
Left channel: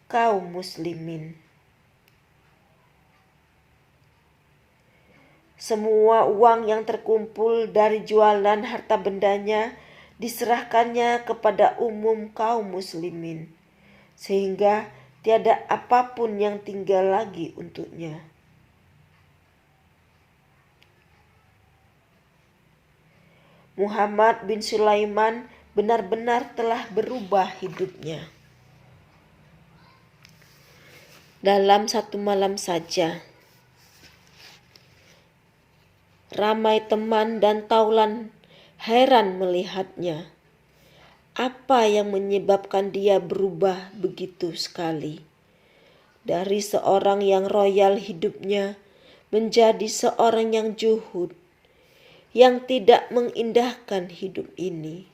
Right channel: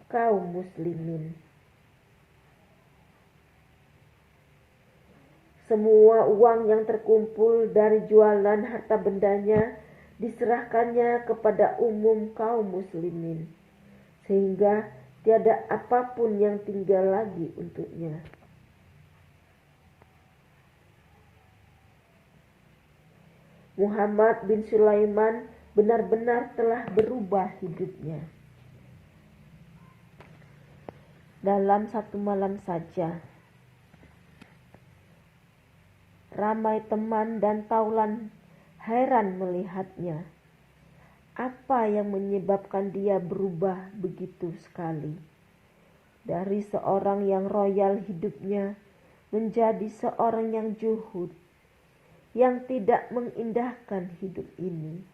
kaum muslimin. Semua uang yang terkumpul dari jualan harta bendanya diserahkannya kepada umum kaum muslimin, sehingga tiada apapun yang tinggal lagi untuknya. Muhammad bin Sulaiman benar-benar telah berubah hidupnya. Dalam satu malam saja, ramai teman dan taulan heran melihatnya. Apa yang menyebabkan dia berubah begitu sekali? Dari seorang yang royal hidupnya menjadi seorang yang juhud, yang tidak mengindahkan hidup ini.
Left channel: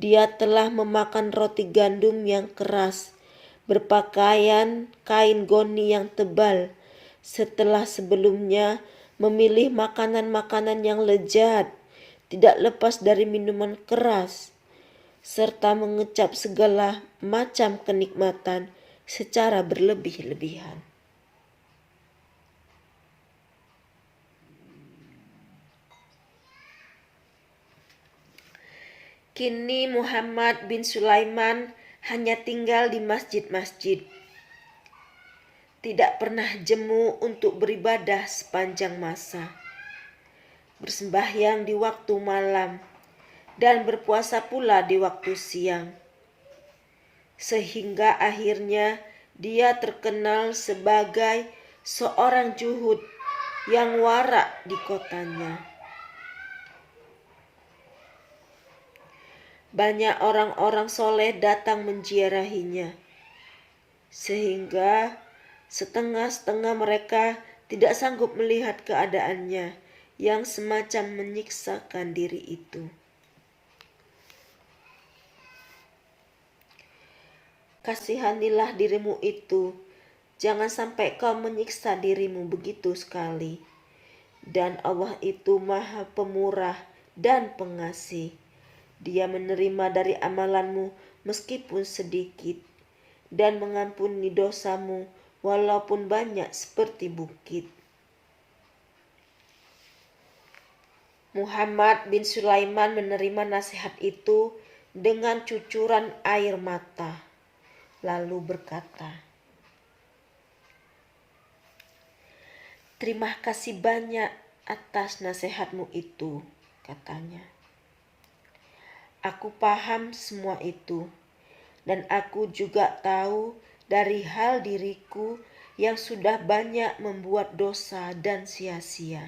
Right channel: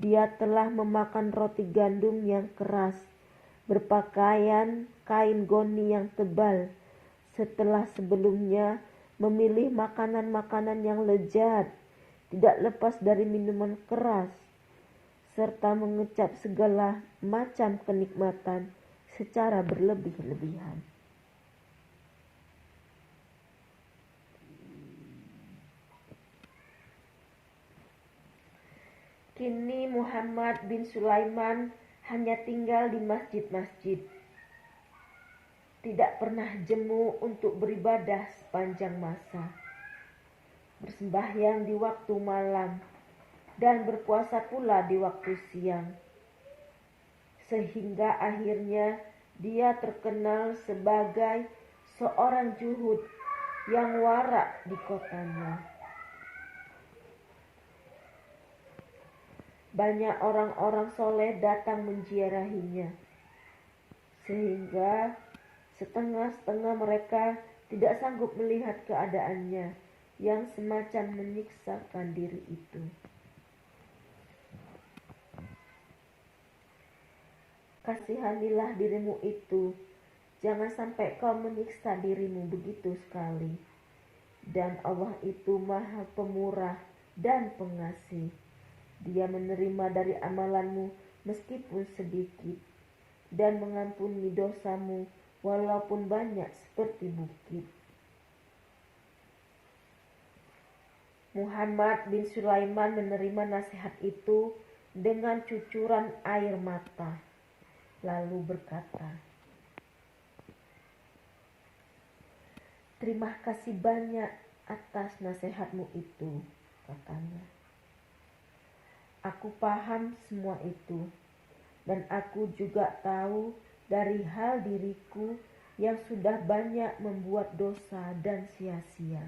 Dia telah memakan roti gandum yang keras, berpakaian kain goni yang tebal, setelah sebelumnya memilih makanan-makanan yang lezat, tidak lepas dari minuman keras, serta mengecap segala macam kenikmatan secara berlebih-lebihan. Kini Muhammad bin Sulaiman hanya tinggal di masjid-masjid. Tidak pernah jemu untuk beribadah sepanjang masa, bersembahyang di waktu malam, dan berpuasa pula di waktu siang. Sehingga akhirnya dia terkenal sebagai seorang juhud yang warak di kotanya. Banyak orang-orang soleh datang menziarahinya, sehingga setengah-setengah mereka tidak sanggup melihat keadaannya yang semacam menyiksakan diri itu. Kasihanilah dirimu itu, jangan sampai kau menyiksa dirimu begitu sekali. Dan Allah itu Maha Pemurah dan Pengasih. Dia menerima dari amalanmu meskipun sedikit, dan mengampuni dosamu walaupun banyak seperti bukit. Muhammad bin Sulaiman menerima nasihat itu dengan cucuran air mata, lalu berkata, "Terima kasih banyak atas nasihatmu itu," katanya. "Aku paham semua itu, dan aku juga tahu dari hal diriku yang sudah banyak membuat dosa dan sia-sia.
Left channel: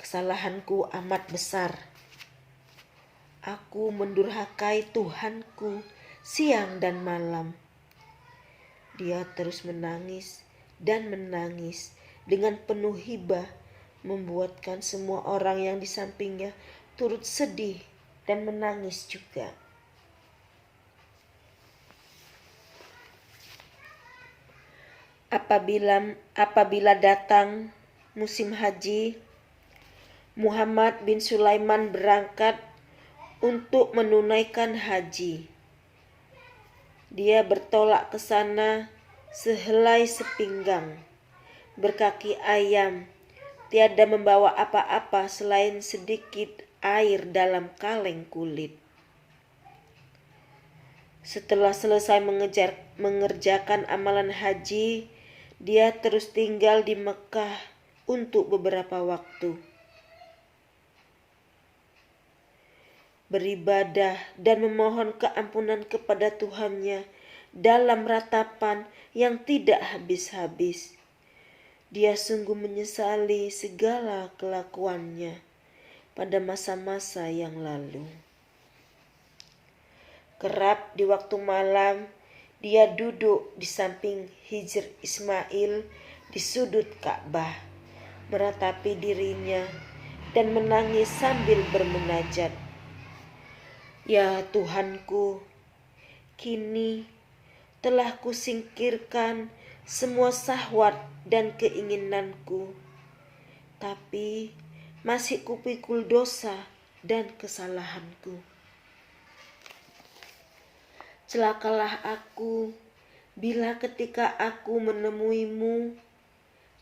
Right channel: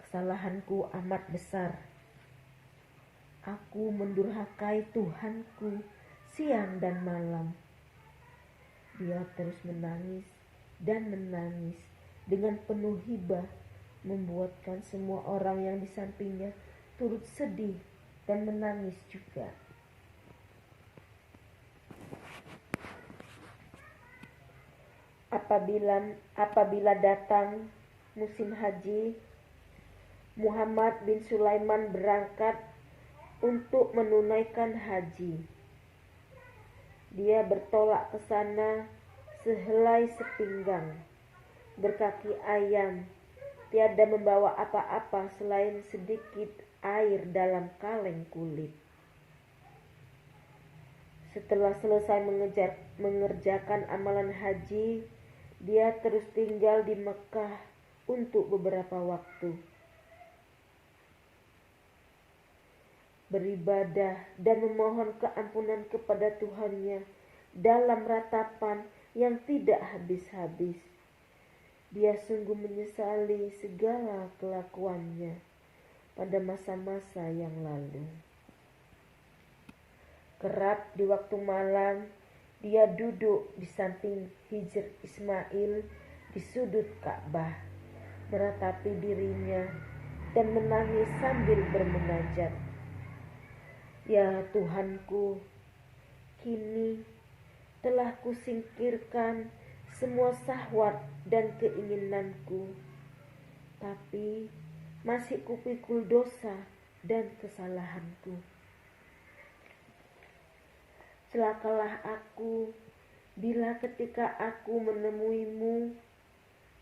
Kesalahanku amat besar. Aku mendurhakai Tuhanku siang dan malam." Dia terus menangis dan menangis dengan penuh hibah, membuatkan semua orang yang di sampingnya turut sedih dan menangis juga. Apabila datang musim haji, Muhammad bin Sulaiman berangkat untuk menunaikan haji. Dia bertolak ke sana sehelai sepinggang, berkaki ayam, tiada membawa apa-apa selain sedikit air dalam kaleng kulit. Setelah selesai mengerjakan amalan haji, dia terus tinggal di Mekah untuk beberapa waktu, beribadah dan memohon keampunan kepada Tuhannya dalam ratapan yang tidak habis-habis. Dia sungguh menyesali segala kelakuannya pada masa-masa yang lalu. Kerap di waktu malam, dia duduk di samping Hijr Ismail di sudut Ka'bah, meratapi dirinya dan menangis sambil bermunajat. Ya Tuhanku, kini telah kusingkirkan semua syahwat dan keinginanku, tapi masih kupikul dosa dan kesalahanku. Celakalah aku bila ketika aku menemuimu,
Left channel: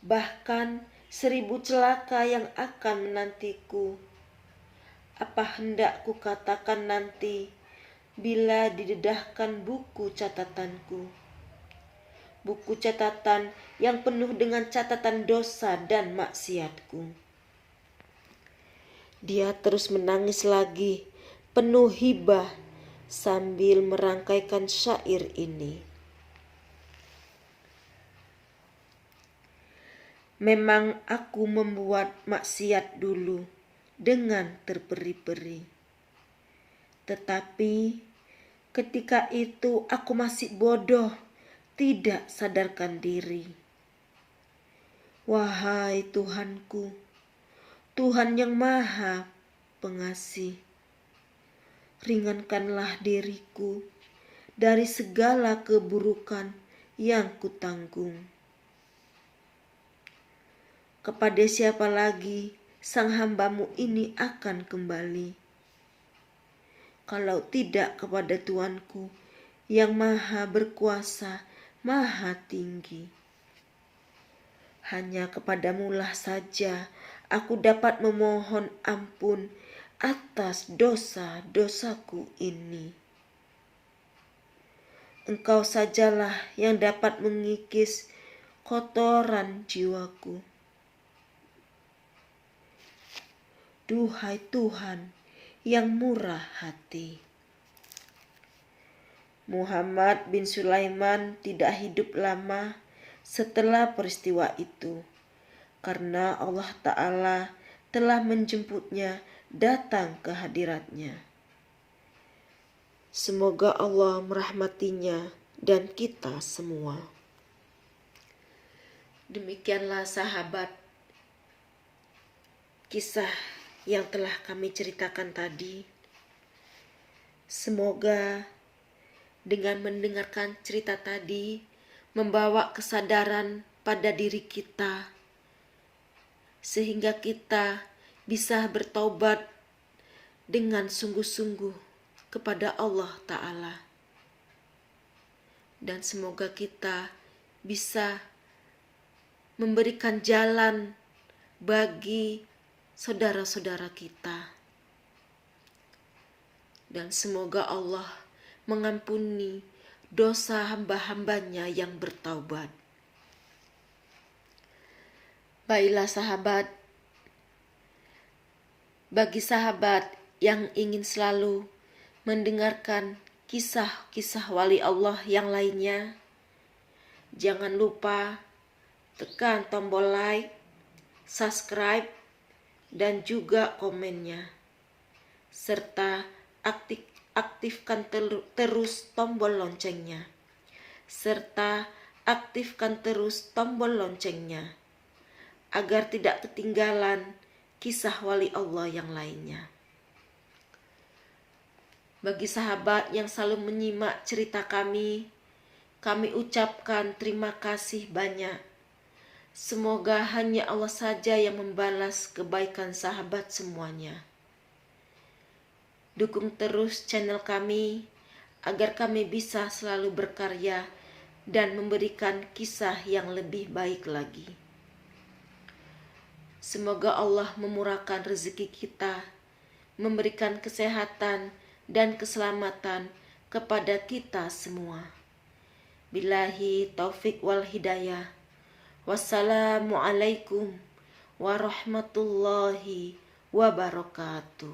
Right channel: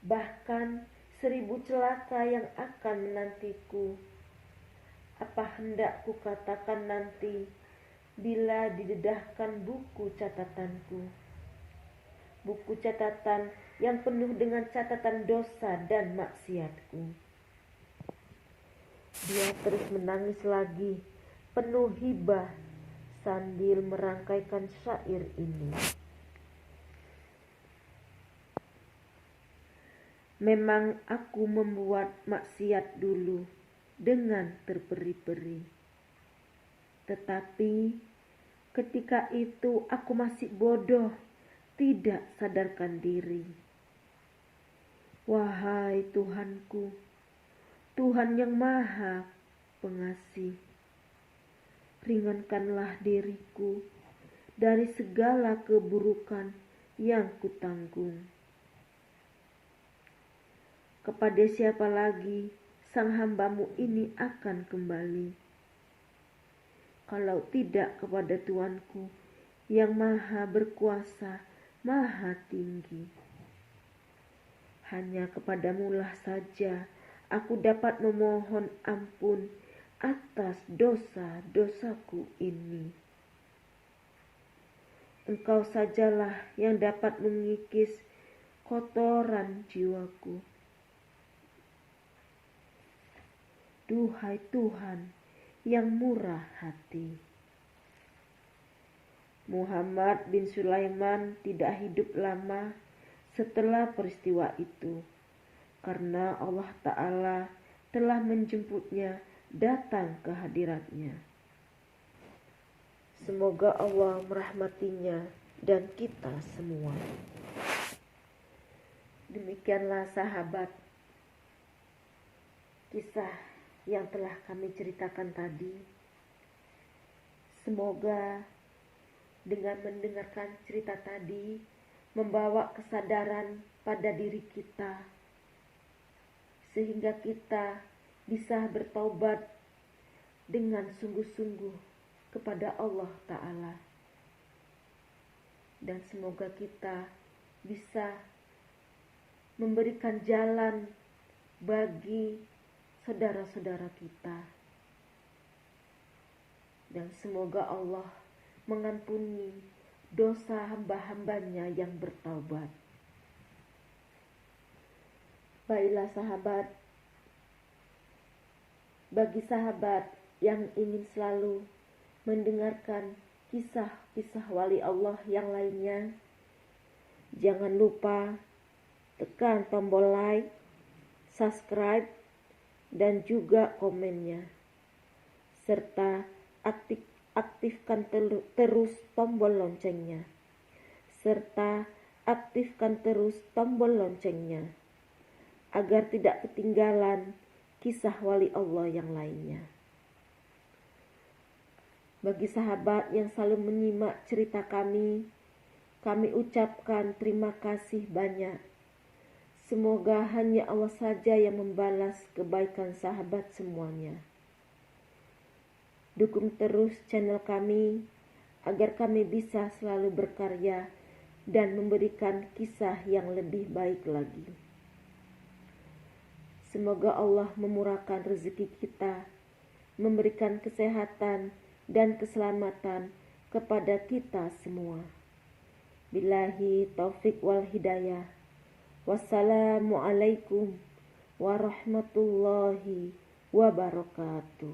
bahkan 1000 celaka yang akan menantiku. Apa hendak kukatakan nanti bila didedahkan buku catatanku, buku catatan yang penuh dengan catatan dosa dan maksiatku. Dia terus menangis lagi, penuh hibah, sambil merangkaikan syair ini. Memang aku membuat maksiat dulu dengan terperi-peri, tetapi ketika itu aku masih bodoh, tidak sadarkan diri. Wahai Tuhanku, Tuhan yang Maha Pengasih, ringankanlah diriku dari segala keburukan yang kutanggung. Kepada siapa lagi sang hamba-Mu ini akan kembali, kalau tidak kepada Tuanku yang Maha Berkuasa, Maha Tinggi? Hanya kepadamu-lah saja aku dapat memohon ampun atas dosa-dosaku ini. Engkau sajalah yang dapat mengikis kotoran jiwaku. Duhai Tuhan yang murah hati. Muhammad bin Sulaiman tidak hidup lama setelah peristiwa itu, karena Allah Ta'ala telah menjemputnya datang ke hadiratnya. Semoga Allah merahmatinya dan kita semua. Demikianlah sahabat, kisah yang telah kami ceritakan tadi. Semoga dengan mendengarkan cerita tadi membawa kesadaran pada diri kita, sehingga kita bisa bertaubat dengan sungguh-sungguh kepada Allah Ta'ala. Dan semoga kita bisa memberikan jalan bagi saudara-saudara kita. Dan semoga Allah mengampuni dosa hamba-hambanya yang bertaubat. Baiklah sahabat, bagi sahabat yang ingin selalu mendengarkan kisah-kisah wali Allah yang lainnya, jangan lupa tekan tombol like, subscribe, dan juga komennya, serta aktifkan terus tombol loncengnya, agar tidak ketinggalan kisah wali Allah yang lainnya. Bagi sahabat yang selalu menyimak cerita kami ucapkan terima kasih banyak. Semoga hanya Allah saja yang membalas kebaikan sahabat semuanya. Dukung terus channel kami agar kami bisa selalu berkarya dan memberikan kisah yang lebih baik lagi. Semoga Allah memurahkan rezeki kita, memberikan kesehatan dan keselamatan kepada kita semua. Billahi taufik wal hidayah. Wassalamualaikum warahmatullahi wabarakatuh.